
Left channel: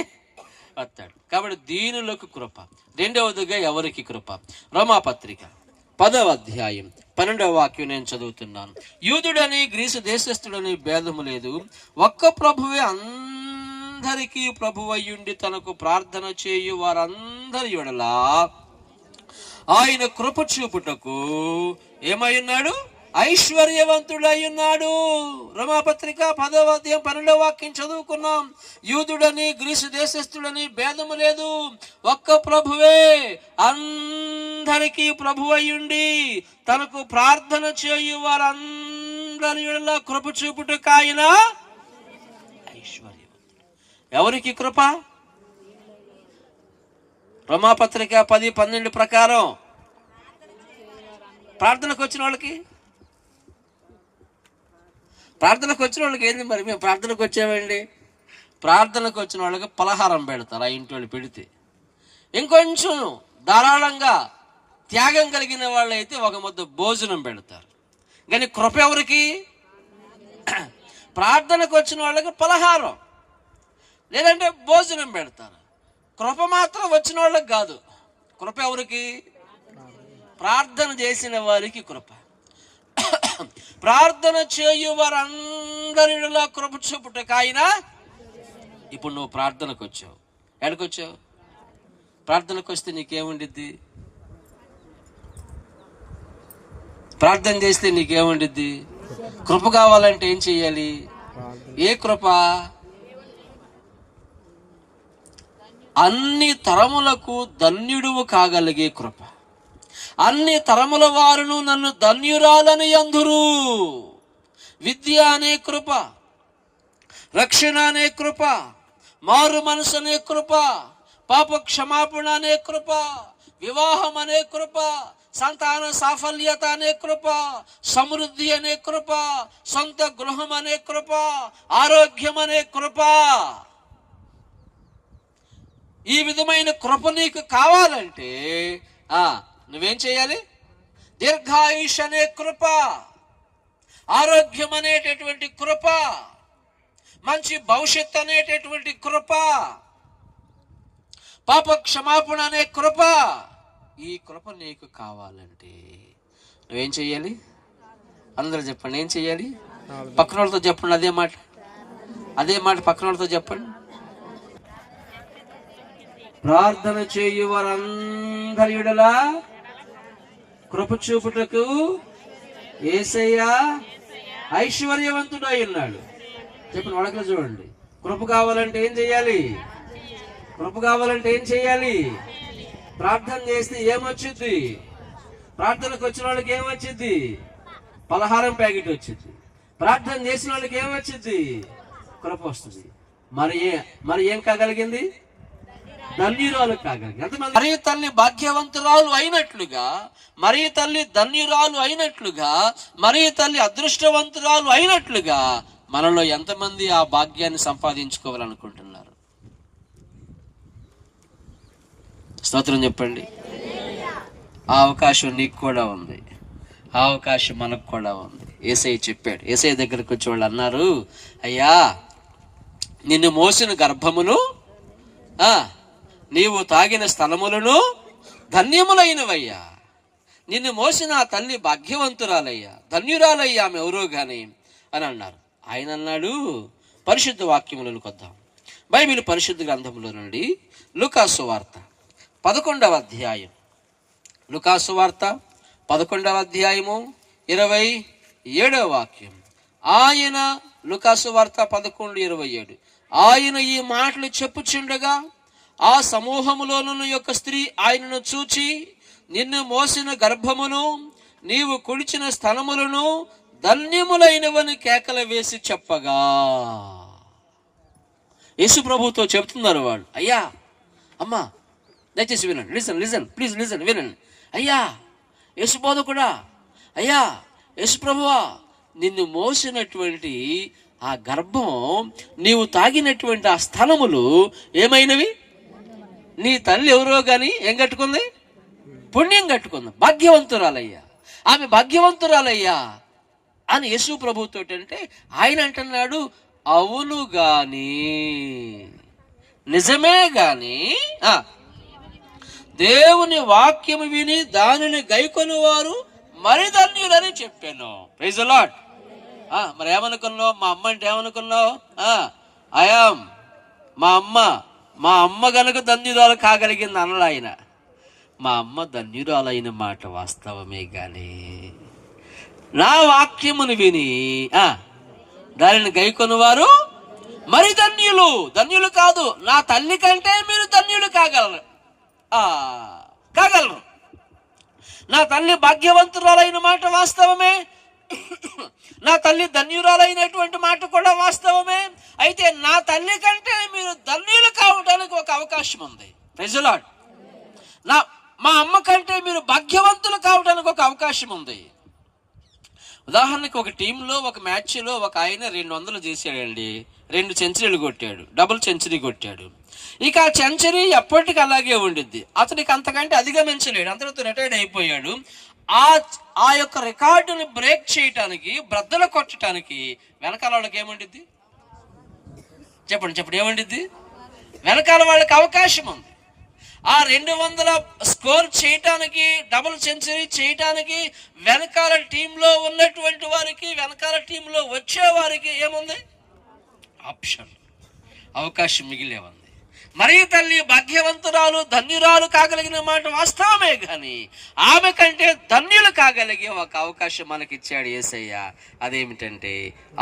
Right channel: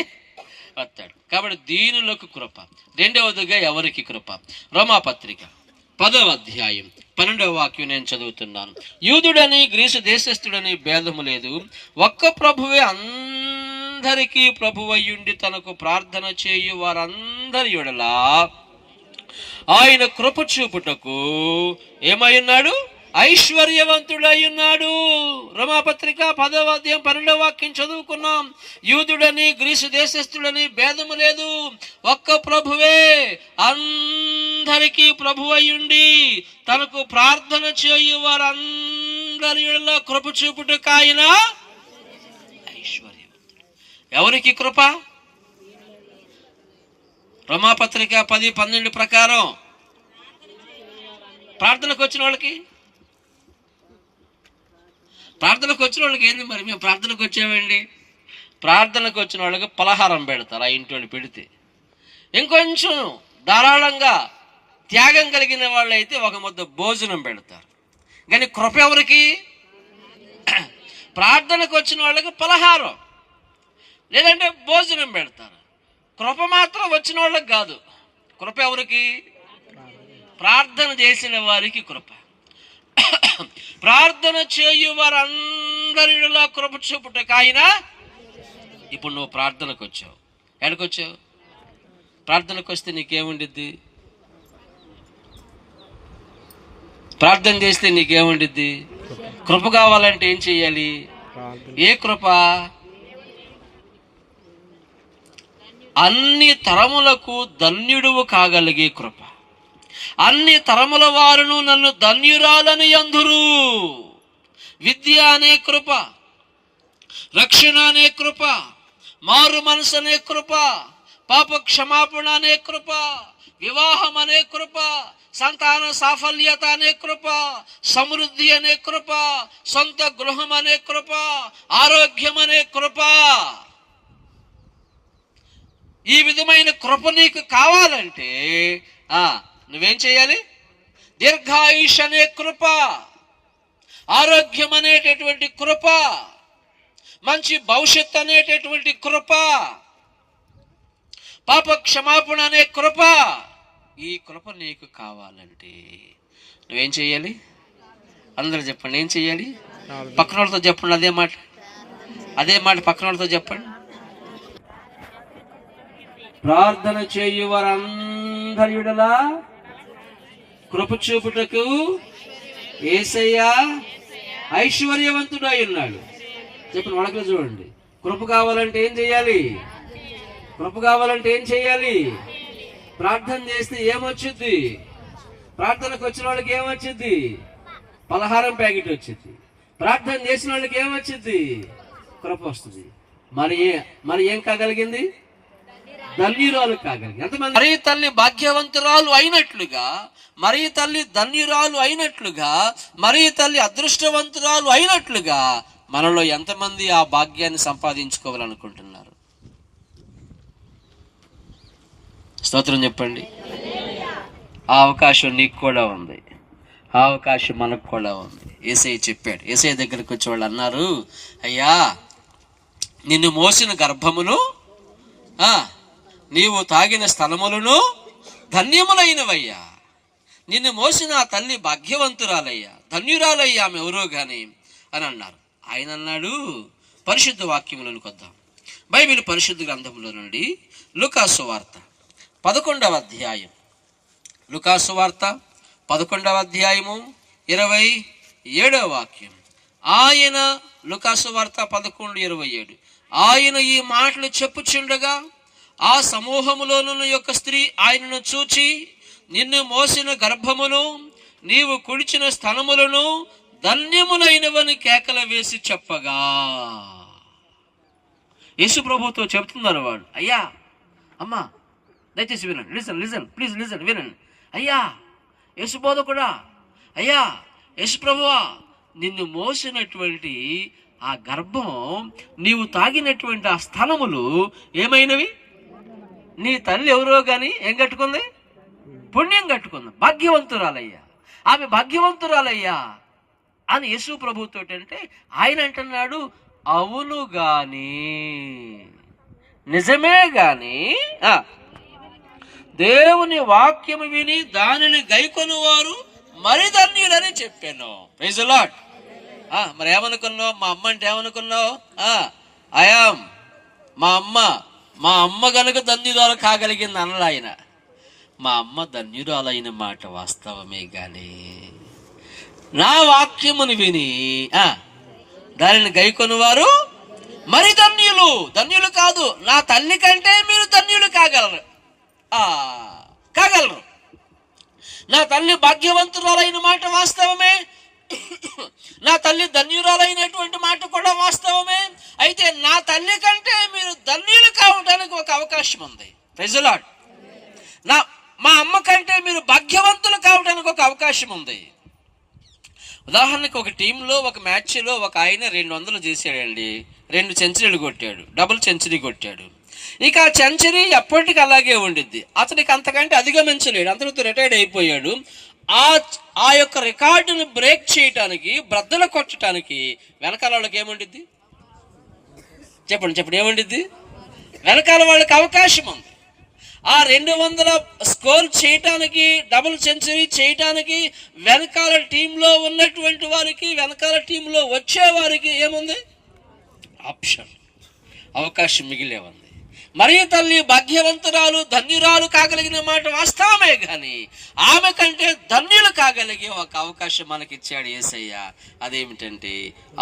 వస్తాడు. కాబట్టి దీనులకు కృప. రెండవదిగా ఎవరికి కృప? రోమాపత్రిక 10వ అధ్యాయం 12వ వాక్యం నేను చదువుతున్నాను. యూదుడని గ్రీసు దేశస్థుడని భేదము లేదు, ఒక్క ప్రభువే అందరికీ ప్రభువయ్యుండి తనకు ప్రార్థన చేయు వారందరి యెడల ఆయన కృప చూపుటకు ఏమై ఉన్నాడు? ఐశ్వర్యవంతుడై ఉన్నాడు. రోమాపత్రిక 10వ అధ్యాయం 12వ వాక్యం చదువుకున్నాం. యూదుడని గ్రీసు దేశస్థుడని భేదము లేదు, ఒక్క ప్రభువే అందరికీ ప్రభువయ్యుండి తనకు ప్రార్థన చేయు వారందరి యెడల కృప చూపుటకు ఆయన ఐశ్వర్యవంతుడు. ఎవరికి కృప? రోమాపత్రిక 10:12 ప్రకారం ప్రార్థనకు వచ్చిన వాళ్ళకి ఏంది మరి? మేము ప్రార్థనకు వచ్చామండి. ప్రార్థనకు వచ్చిన వాళ్ళకి పలహారం పెడతారు. ఆ ఇంటి వాళ్ళు పెడితే ఇంకొంచెం ధారాళంగా త్యాగం కలిగిన వాళ్ళు అయితే ఒక ముద్ద భోజనం పెడతారు. కానీ కృప ఎవరికి? ప్రార్థనకు వచ్చిన వాళ్ళకి పలహారం లేదంటే భోజనం పెడతారు. కృప మాత్రం వచ్చిన వాళ్ళకి కాదు. కృప ఎవరికి? ప్రార్థన చేసిన వారికి కృప. ప్రార్థన చేయు వారందరిలో కృప చూపుటకు ఆయన. ఇప్పుడు నువ్వు ప్రార్థనకు వచ్చావు. ఎక్కడికొచ్చావు? ప్రార్థనకు వస్తే నీకేముండిద్ది? ప్రార్థన చేస్తే నీకేముండిద్ది? కృప కావాలంటే ఏం చెయ్యాలి? ఏ కృప? అన్ని తరములకు ధన్యుడువు కాగలిగే కృప. అన్ని తరముల వారును నన్ను ధన్యురాలని అందురు. విద్య అనే కృప, రక్షణ అనే కృప, మారు మనసు అనే కృప, పాప క్షమాపణ అనే కృప, వివాహం అనే కృప, సంతాన సాఫల్యత అనే కృప, సమృద్ధి అనే కృప, సొంత గృహం అనే కృప, ఆరోగ్యం అనే కృప. ఈ విధమైన కృప నీకు కావాలంటే నువ్వేం చేయాలి? దీర్ఘాయుష్ అనే కృప, ఆరోగ్యం అనేటటువంటి కృప, మంచి భవిష్యత్తు అనేటటువంటి కృప, పాప క్షమాపణ అనే కృప. ఈ కృప నీకు కావాలంటే నువ్వేం చెయ్యాలి? అందరూ చెప్పండి, ఏం చెయ్యాలి? పక్కన వాళ్ళతో చెప్పండి అదే మాట పక్కన వాళ్ళతో చెప్పండి. ప్రార్థన చేయు వారందరి యెడల కృప చూపుటకు యేసయ్య ఐశ్వర్యవంతుడై ఉన్నాడు. చెప్పండి, వడకలు చూడండి. కృప కావాలంటే ఏం చేయాలి? ప్రార్థన చేస్తే ఏమొచ్చింది? ప్రార్థనకు వచ్చిన వాళ్ళకి ఏమొచ్చింది? పలహారం ప్యాకెట్ వచ్చింది. ప్రార్థన చేసిన వాళ్ళకి ఏమొచ్చింది? కృప వస్తుంది. మరి ఏం కాగలిగింది? ధన్యురాలు కాగలిగింది. ఎంతమంది? మరి తల్లి భాగ్యవంతురాలు అయినట్లుగా, మరి తల్లి ధన్యురాలు అయినట్లుగా, మరి తల్లి అదృష్టవంతురాలు అయినట్లుగా మనలో ఎంతమంది ఆ భాగ్యాన్ని సంపాదించుకోవాలనుకుంటున్నారు? స్తోత్రం చెప్పండి. ఆ అవకాశం నీకు కూడా ఉంది, ఆ అవకాశం మనకు కూడా ఉంది. యేసయ్య చెప్పాడు. యేసయ్య దగ్గరికి వచ్చి వాళ్ళు అన్నారు, అయ్యా నిన్ను మోసిన గర్భమును నీవు తాగిన స్థలములను ధన్యములైనవయ్యా. నిన్ను మోసిన ఆ తల్లి భాగ్యవంతురాలయ్యా, ధన్యురాలయ్యా ఆమె ఎవరో గాని అని అన్నారు. ఆయన అన్నాడు, పరిశుద్ధ వాక్యములకు వద్దాం. బైబిల్ పరిశుద్ధ గ్రంథములో నుండి లూకాసు వార్త 11వ అధ్యాయం, లూకాసు వార్త 11వ అధ్యాయము 27వ వాక్యం. ఆయన, లూకాసు వార్త 11:27, ఆయన ఈ మాటలు చెప్పుచుండగా ఆ సమూహములోనున్న యొక్క స్త్రీ ఆయనను చూచి, నిన్ను మోసిన గర్భమును నీవు కుడిచిన స్థలములను ధన్యములైనవని కేకలు వేసి చెప్పగా. యేసు ప్రభుతో చెబుతున్నారు వాళ్ళు, అయ్యా అమ్మా దయచేసి వినండి, లిసన్ లిసన్ ప్లీజ్ లిసన్, వినండి. అయ్యా యేసు బోధకుడా, అయ్యా యేసు ప్రభువా, నిన్ను మోసినటువంటి ఆ గర్భం, నీవు తాగినటువంటి ఆ స్థలములు ఏమైనవి? నీ తల్లి ఎవరో కానీ ఏం కట్టుకుంది? పుణ్యం కట్టుకుంది. భాగ్యవంతురాలయ్యా, ఆమె భాగ్యవంతురాలయ్యా అని యేసు ప్రభుతో అంటే ఆయన అంటున్నాడు, అవును గాని, నిజమే గాని దేవుని వాక్యము విని దానిని గైకొని వారు మరి ధన్యులని చెప్పాను. Praise the lord. మరి ఏమనుకున్నావు? మా అమ్మ అంటే ఏమనుకున్నావు? అయాం మా అమ్మ గనుక ధన్యురాలు కాగలిగింది అనలా ఆయన. మా అమ్మ ధన్యురాలైన మాట వాస్తవమే గాని నా వాక్యమును విని దానిని గైకొని వారు మరి ధన్యులు. ధన్యులు కాదు, నా తల్లి కంటే మీరు ధన్యులు కాగలరు. నా తల్లి భాగ్యవంతురాలైన మాట వాస్తవమే, నా తల్లి ధన్యురాలైనటువంటి మాట కూడా వాస్తవమే. అయితే నా తల్లి కంటే మీరు ధన్యులు కావడానికి ఒక అవకాశం ఉంది. Praise the lord. మా అమ్మ కంటే మీరు భాగ్యవంతులు కావడానికి ఒక అవకాశం ఉంది. ఉదాహరణకు ఒక టీంలో ఒక మ్యాచ్లో ఒక ఆయన 200 చేశాడండి, 2 సెంచరీలు కొట్టాడు, డబుల్ సెంచరీ కొట్టాడు. ఇక ఆ సెంచరీ ఎప్పటికీ అలాగే ఉండిద్ది, అతనికి అంతకంటే అధిగమించలేడు, అంతటితో రిటైర్డ్ అయిపోయాడు. ఆ యొక్క రికార్డును బ్రేక్ చేయటానికి, బ్రద్దలు కొట్టడానికి వెనకాల వాళ్ళకి ఏముండిద్ది? చెప్పండి ఏముండిద్ది? వెనకాల వాళ్ళకి అవకాశం ఉంది. ఆ 200 స్కోర్ చేయటానికి, డబుల్ సెంచరీ చేయటానికి వెనకాల టీంలో ఉన్నటువంటి వారికి, వెనకాల టీంలో వచ్చే వారికి ఏముంది? ఆప్షన్, అవకాశం మిగిలే ఉంది. మరి తల్లి భాగ్యవంతురాలు, ధన్యురాలు కాగలిగిన మాట వాస్తవమే కానీ ఆమె కంటే ధన్యులు కాగలిగే ఒక అవకాశం మనకిచ్చాడు యేసయ్య. అదేమిటంటే,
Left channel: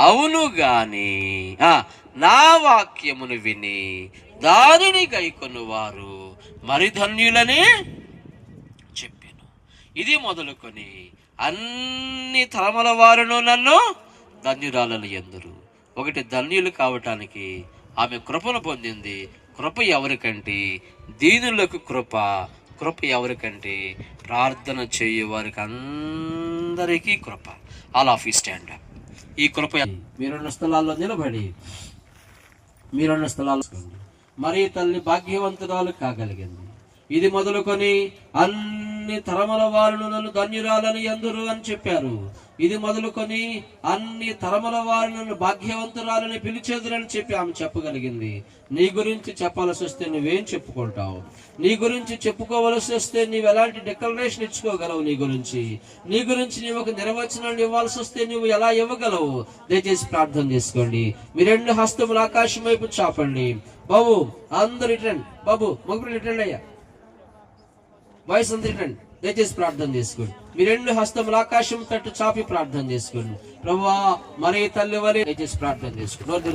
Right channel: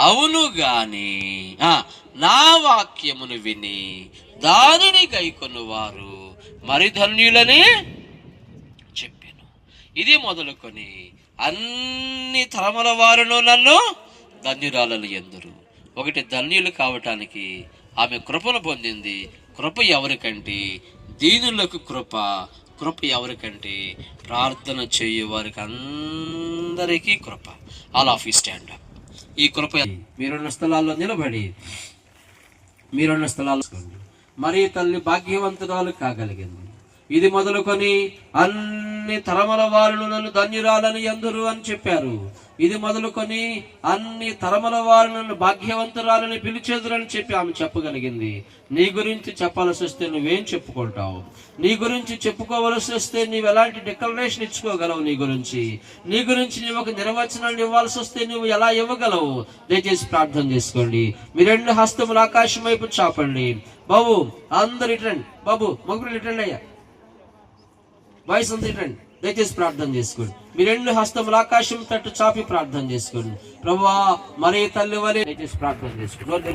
అవును గాని నా వాక్యమును విని దానిని గైకొను వారు మరి ధన్యులని చెప్పాను. ఇది మొదలుకొని అన్ని తరముల వారును నన్ను ధన్యురాలను ఎందురు. ఒకటి, ధన్యులు కావటానికి ఆమె కృపను పొందింది. కృప ఎవరికంటే దీనులకు కృప, కృప ఎవరికంటే ప్రార్థన చేయు వారికి అందరికీ కృప. All of you stand. ఈ కృప మీరున్న స్థలాల్లో నిలబడి, మీరున్న స్థలాల్లో మరి తల్లి భాగ్యవంతురాలు కాగలిగింది. ఇది మొదలుకొని అన్ని తరముల వారును నన్ను ధన్యురాలని ఎందురు అని చెప్పారు. ఇది మొదలుకొని అన్ని తరముల వారు నన్ను భాగ్యవంతురాలని పిలిచేదురని చెప్పి ఆమె చెప్పగలిగింది. నీ గురించి చెప్పాల్సి వస్తే నువ్వేం చెప్పుకుంటావు? నీ గురించి చెప్పుకోవలసి వస్తే నీవు ఎలాంటి డిక్లరేషన్ ఇచ్చుకోగలవు? నీ గురించి నీవు ఒక నిర్వచనాన్ని ఇవ్వాల్సి వస్తే నువ్వు ఎలా ఇవ్వగలవు? దయచేసి ప్రార్థన చేసుకోండి. మీ 2 హస్తములు ఆకాశం వైపు చాపండి. బాబు అందరు ఇటండి, బాబు ముగ్గురు ఇటండి, అయ్యా బాయ్స్ అందరు ఇటండి. దయచేసి ప్రార్థన చేసుకోండి. మీ 2 హస్తములు ఆకాశం తట్టు చాపి ప్రార్థన చేసుకోండి. ప్రభువా మరి తల్లి వలె, దయచేసి ప్రార్థన చేసుకోండి. ప్రార్థన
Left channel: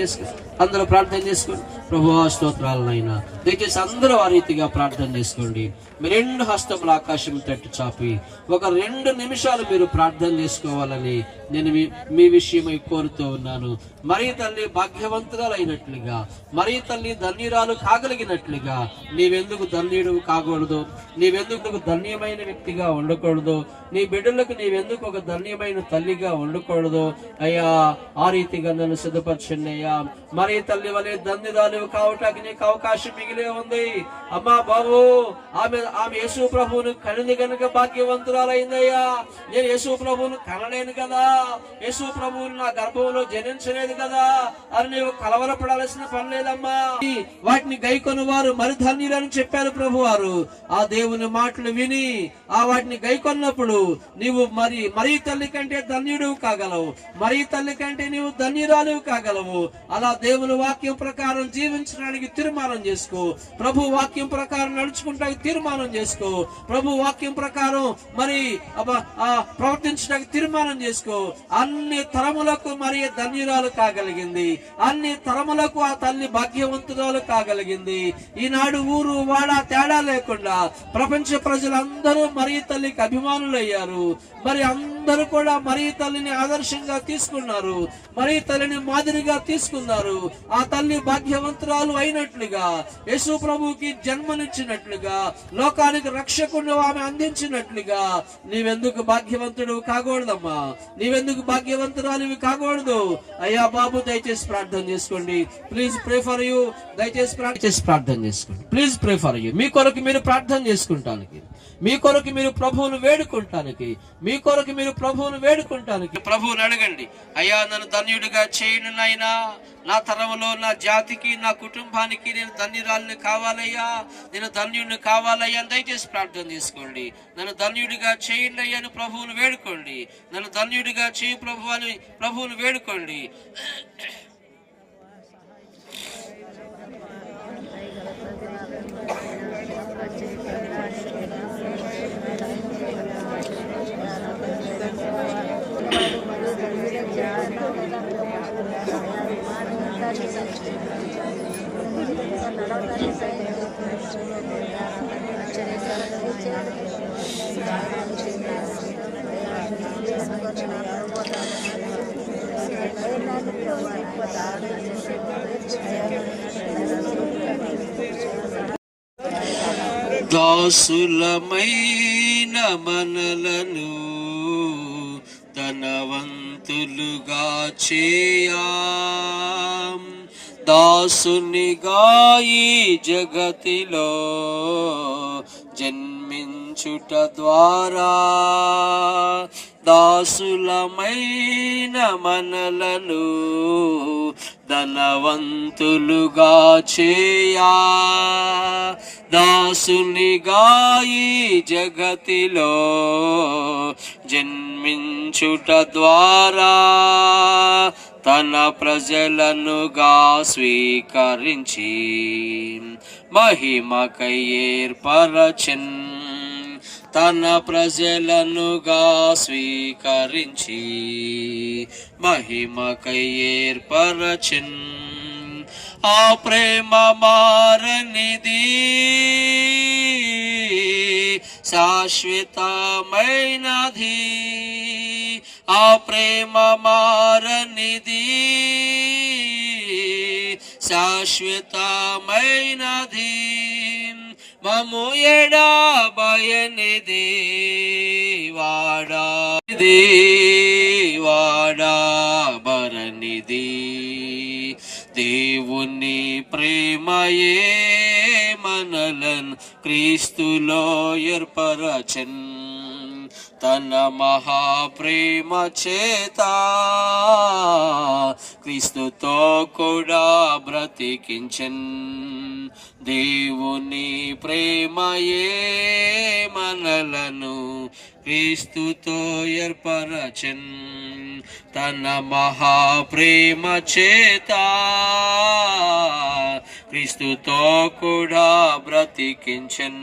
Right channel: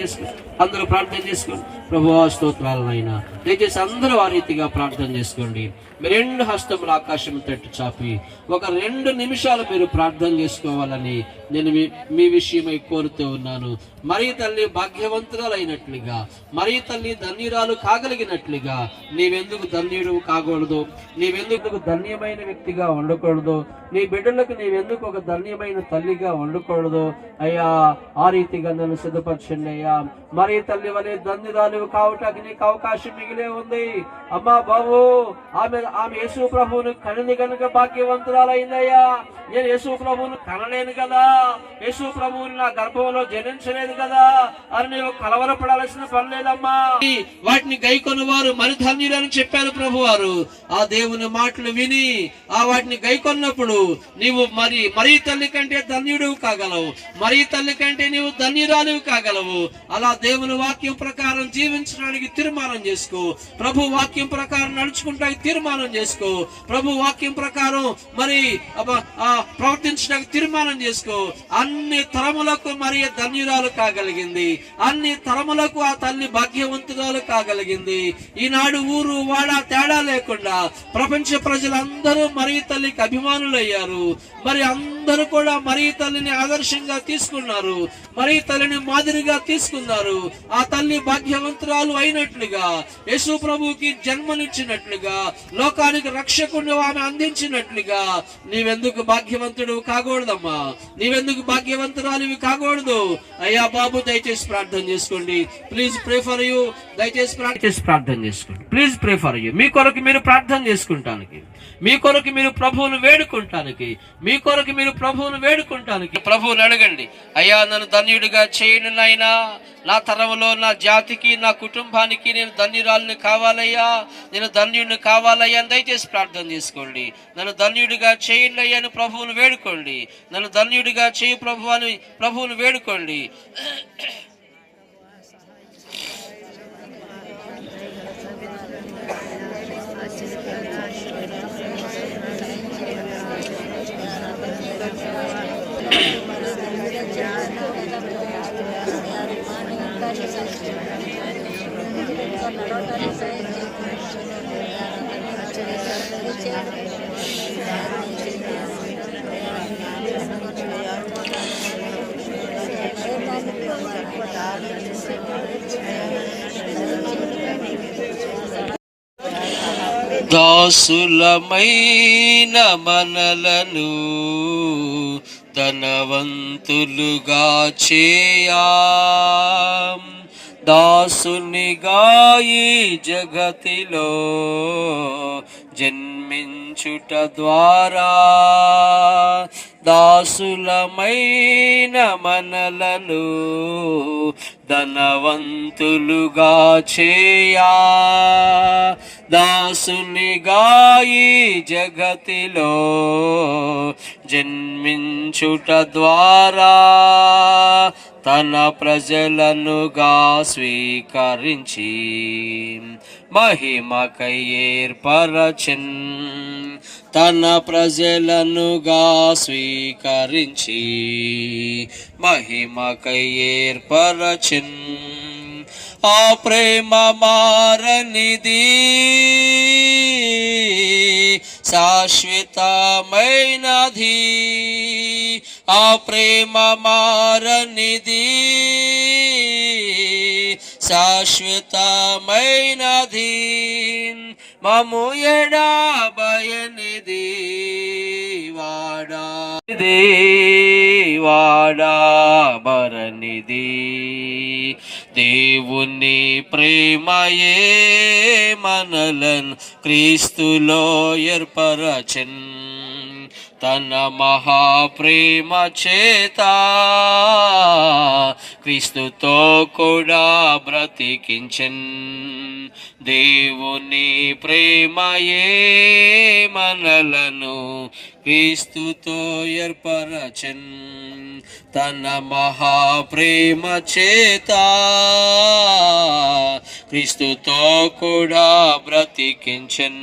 చేసుకోండి. అందరూ ప్రార్థన చేసుకోండి. ప్రభువా స్తోత్రాలనైనా దయచేసి అందరూ ఆ రీతిగా ప్రార్థన చేసుకోండి. మీ 2 హస్తములు ఆకాశం తట్టు చాపి ఒక 2 నిమిషాలు మీరు ప్రార్థన చేసుకోవాలని నేను మీ విషయమై కోరుతూ ఉన్నాను. మరి తల్లి భాగ్యవంతురాలైనట్లుగా, మరి తల్లి ధన్యురాలు కాగలిగినట్లుగా నీవెందుకు ధన్యుడు కాకూడదు? నీవెందుకు ధన్యమైన వ్యక్తిగా ఉండకూడదు? నీ బిడ్డలకు నీవెందుకు ఒక ధన్యమైన తల్లిగా ఉండకూడదు? అయ్యా, ఆ రీతిగా నన్ను సిద్ధపరచండి అయ్యా. మరి తల్లి వలె ధన్యురాలు కావటానికి నీకు అవకాశం మిగిలే ఉంది. అమ్మా బాబు, ఆమె యేసు ప్రభువును కనిది కనుక భాగ్యవంతురాలైందయ్యా. నేను యేసు ప్రభువును కనలేను కదా, యేసు ప్రభువుని నా గర్భంలో జనించలేదు కదా అని నీవు కలవరపడాల్సిన పని లేదమ్మా. వాటిని గైకొని వారు మరి ధన్యులని చెప్పారు ప్రభు వారు. ఆ దేవుని మాటలు విని వాటిని గైకొన్నప్పుడు నీవు మరి తల్లి కంటే ధన్యుడు కాగలవు, మరి తల్లి కంటే నీవు ధన్యురాలు కాగలవు. అలా దేవుని వాక్యం ప్రకారం జీవించడానికి తీర్మానం చేసుకో. ప్రభు వాక్యం ప్రకారం నడుచుకుంటానికి తీర్మానం చేసుకో. ప్రభు వాక్యం ప్రకారం ప్రవర్తించడానికి తీర్మానం చేసుకో. అన్ని తరములకు మరి ధన్యురాలు కాగలిగింది, అన్ని తరములకు ఆ తల్లి భాగ్యవంతురాలు కాగలిగింది. ఈనాడు ఊరు వాడ తేడా లేకుండా ప్రపంచ ప్రజలందరూ మరి తల్లికి అభిమానులయ్యారు. మరి అందరూ కూడా మరి తల్లిని ఆదర్శంగా తీసుకున్నారు, మరి తల్లిని మాదిరిగా తీసుకున్నారు. ఆ తల్లి భాగ్యవంతురాలు అయినట్లుగా, యేసు ప్రభువుకి జన్మనిచ్చినట్లుగా, లోకానికి రక్షకుడిని ఆమె అందించినట్లుగా నీవెందుకు భాగ్యవంతుడు కాకూడదమ్మా? నీవెందుకు భాగ్యవంతురాలు కాకూడదు? అయ్యా బాబు, దయచేసి ప్రార్థన చేసుకోండి. Please pray for you. దయచేసి ప్రార్థన చేసుకోండి. Please pray for you. మీ కొరకు మీరు ప్రార్థన చేసుకుంటానికి, మీ కొరకు మీరు ప్రభువును వేడుకుంటానికి, మీ కొరకు మీరు ప్రభువును వేడుకుంటానికి ప్రభువుని అడగండి. అయ్యా, నన్ను ధన్యుడిగా చేయను నాయనా. నా తరంలో, నా జాతికి, నా కుటుంబానికి నేను ధన్యురాలని కావాలయ్యా, నేను ధన్యుడిని కావాలయ్యా అని దయచేసి ప్రార్థన చేసుకోండి. నన్ను ధన్యుడిగా చేయండి అయ్యా అని ప్రభువును వేడుకోండి. నన్ను ధన్యుడిగా చేయి ప్రభు అని ప్రభువును వేడుకోండి. దాసులమైన మనలను ధనవంతులుగా చేయా, దాసునిగా ఈ జగతిలో జన్మించుట ద్వారా దాసులమైన మనలను ధనవంతులుగా చేయా, దాసునిగా ఈ జగతిలో జన్మించుట ద్వారా తన ప్రజలనుగా స్వీకరించి మహిమకై ఏర్పరచెన్, తన ప్రజలనుగా స్వీకరించి మహిమకై ఏర్పరచెన్. ఆ ప్రేమ మారనిది, శాశ్వతమైనది. ఆ ప్రేమ మారనిది, శాశ్వతమైనది. మము ఎడబాయనిది, వాడబరనిది. దేవుని ప్రేమయే మనలను క్రీస్తులో ఏర్పరచెన్, తన మహాప్రేమ చేత క్రీస్తుతో కూడా బ్రతికించెన్. దేవుని ప్రేమయే మనలను క్రీస్తుతో ఏర్పరచెన్, తన మహాప్రేమ చేత క్రీస్తుతో కూడా బ్రతికించెన్.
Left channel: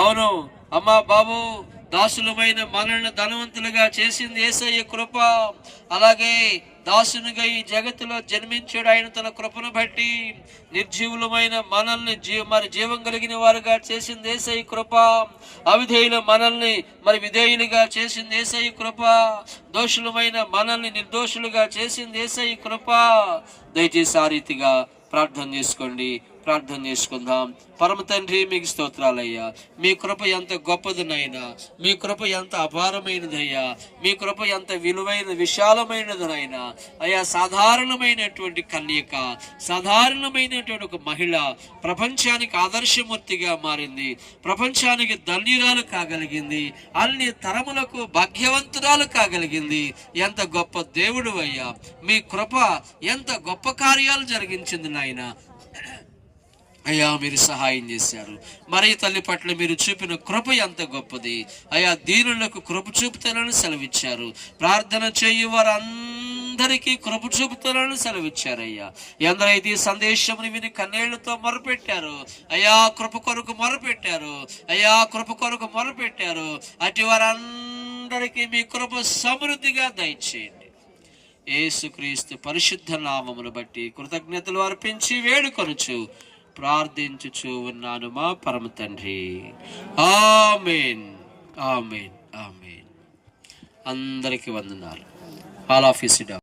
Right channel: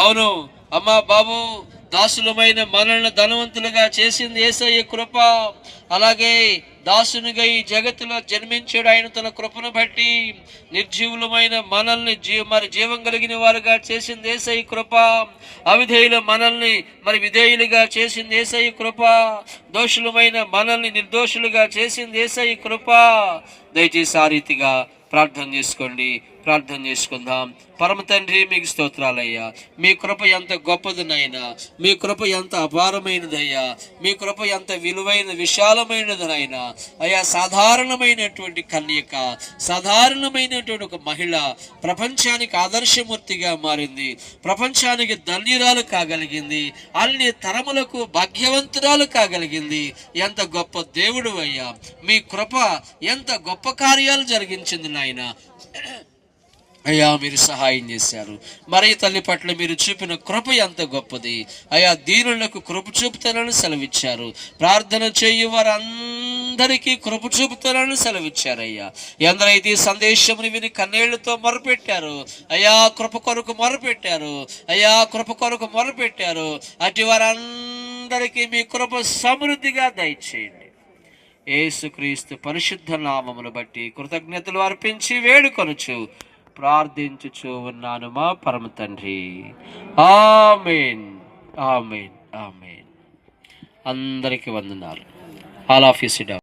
అవును అమ్మా బాబు, దాసులమైన మనల్ని ధనవంతులుగా చేసింది యేసయ్య కృప. అలాగే దాసునిగా ఈ జగత్తులో జన్మించాడు. ఆయన తన కృపను బట్టి నిర్జీవులమైన మనల్ని మరి జీవం కలిగిన వారుగా చేసింది యేసయ్య కృప. అవిధేయుల మనల్ని మరి విధేయులుగా చేసింది యేసయ్య కృప. దోషులమైన మనల్ని నిర్దోషులుగా చేసింది యేసయ్య కృప. దయచేసి ఆ రీతిగా ప్రార్థన చేసుకోండి. ప్రార్థన చేసుకుందాం. పరమ తండ్రి, మీకు స్తోత్రాలయ్యా. మీ కృప ఎంత గొప్పదనైనా, మీ కృప ఎంత అపారమైనదయ్యా, మీ కృప ఎంత విలువైన విశాలమైనదనైనా అయ్యా. సాధారణమైనటువంటి కన్యక, సాధారణమైనటువంటి ఒక మహిళ ప్రపంచానికి ఆదర్శమూర్తిగా మారింది, ప్రపంచానికి ధన్యురాలు కాగలిగింది, అన్ని తరములకు భాగ్యవంతురాలు కాగలిగింది. ఎంత గొప్ప దేవుడు అయ్యా. మీ కృప ఎంత గొప్ప కార్యాలు జరిగించింది నాయన అయ్యా. మీరు సహాయం చేశారు. మరి తల్లి పట్ల మీరు చూపిన కృప ఎంత గొప్పది అయ్యా. దీనులకు కృప చూపుతానని సెలవిచ్చారు. ప్రార్థన చేయు వారందరికీ కృప చూపుతానని సెలవిచ్చారయ్యా. ఎందరైతే ఈ సందేశముని విని కన్నీళ్లతో మొరపెట్టారు అయ్యా, కృప కొరకు మొరపెట్టారు అయ్యా, కృప కొరకు మొరపెట్టారు, అటు వారందరికీ మీ కృప సమృద్ధిగా దయచేయండి. యేసుక్రీస్తు పరిశుద్ధ నామమును బట్టి కృతజ్ఞతలు అర్పించి వేడుకొనుచు ప్రార్థించుచు ఉన్నాను మా పరమ తండ్రి. ఆమేన్, ఆమేన్, ఆమేన్. అందరికీ వందనాలు. All of you SIT down.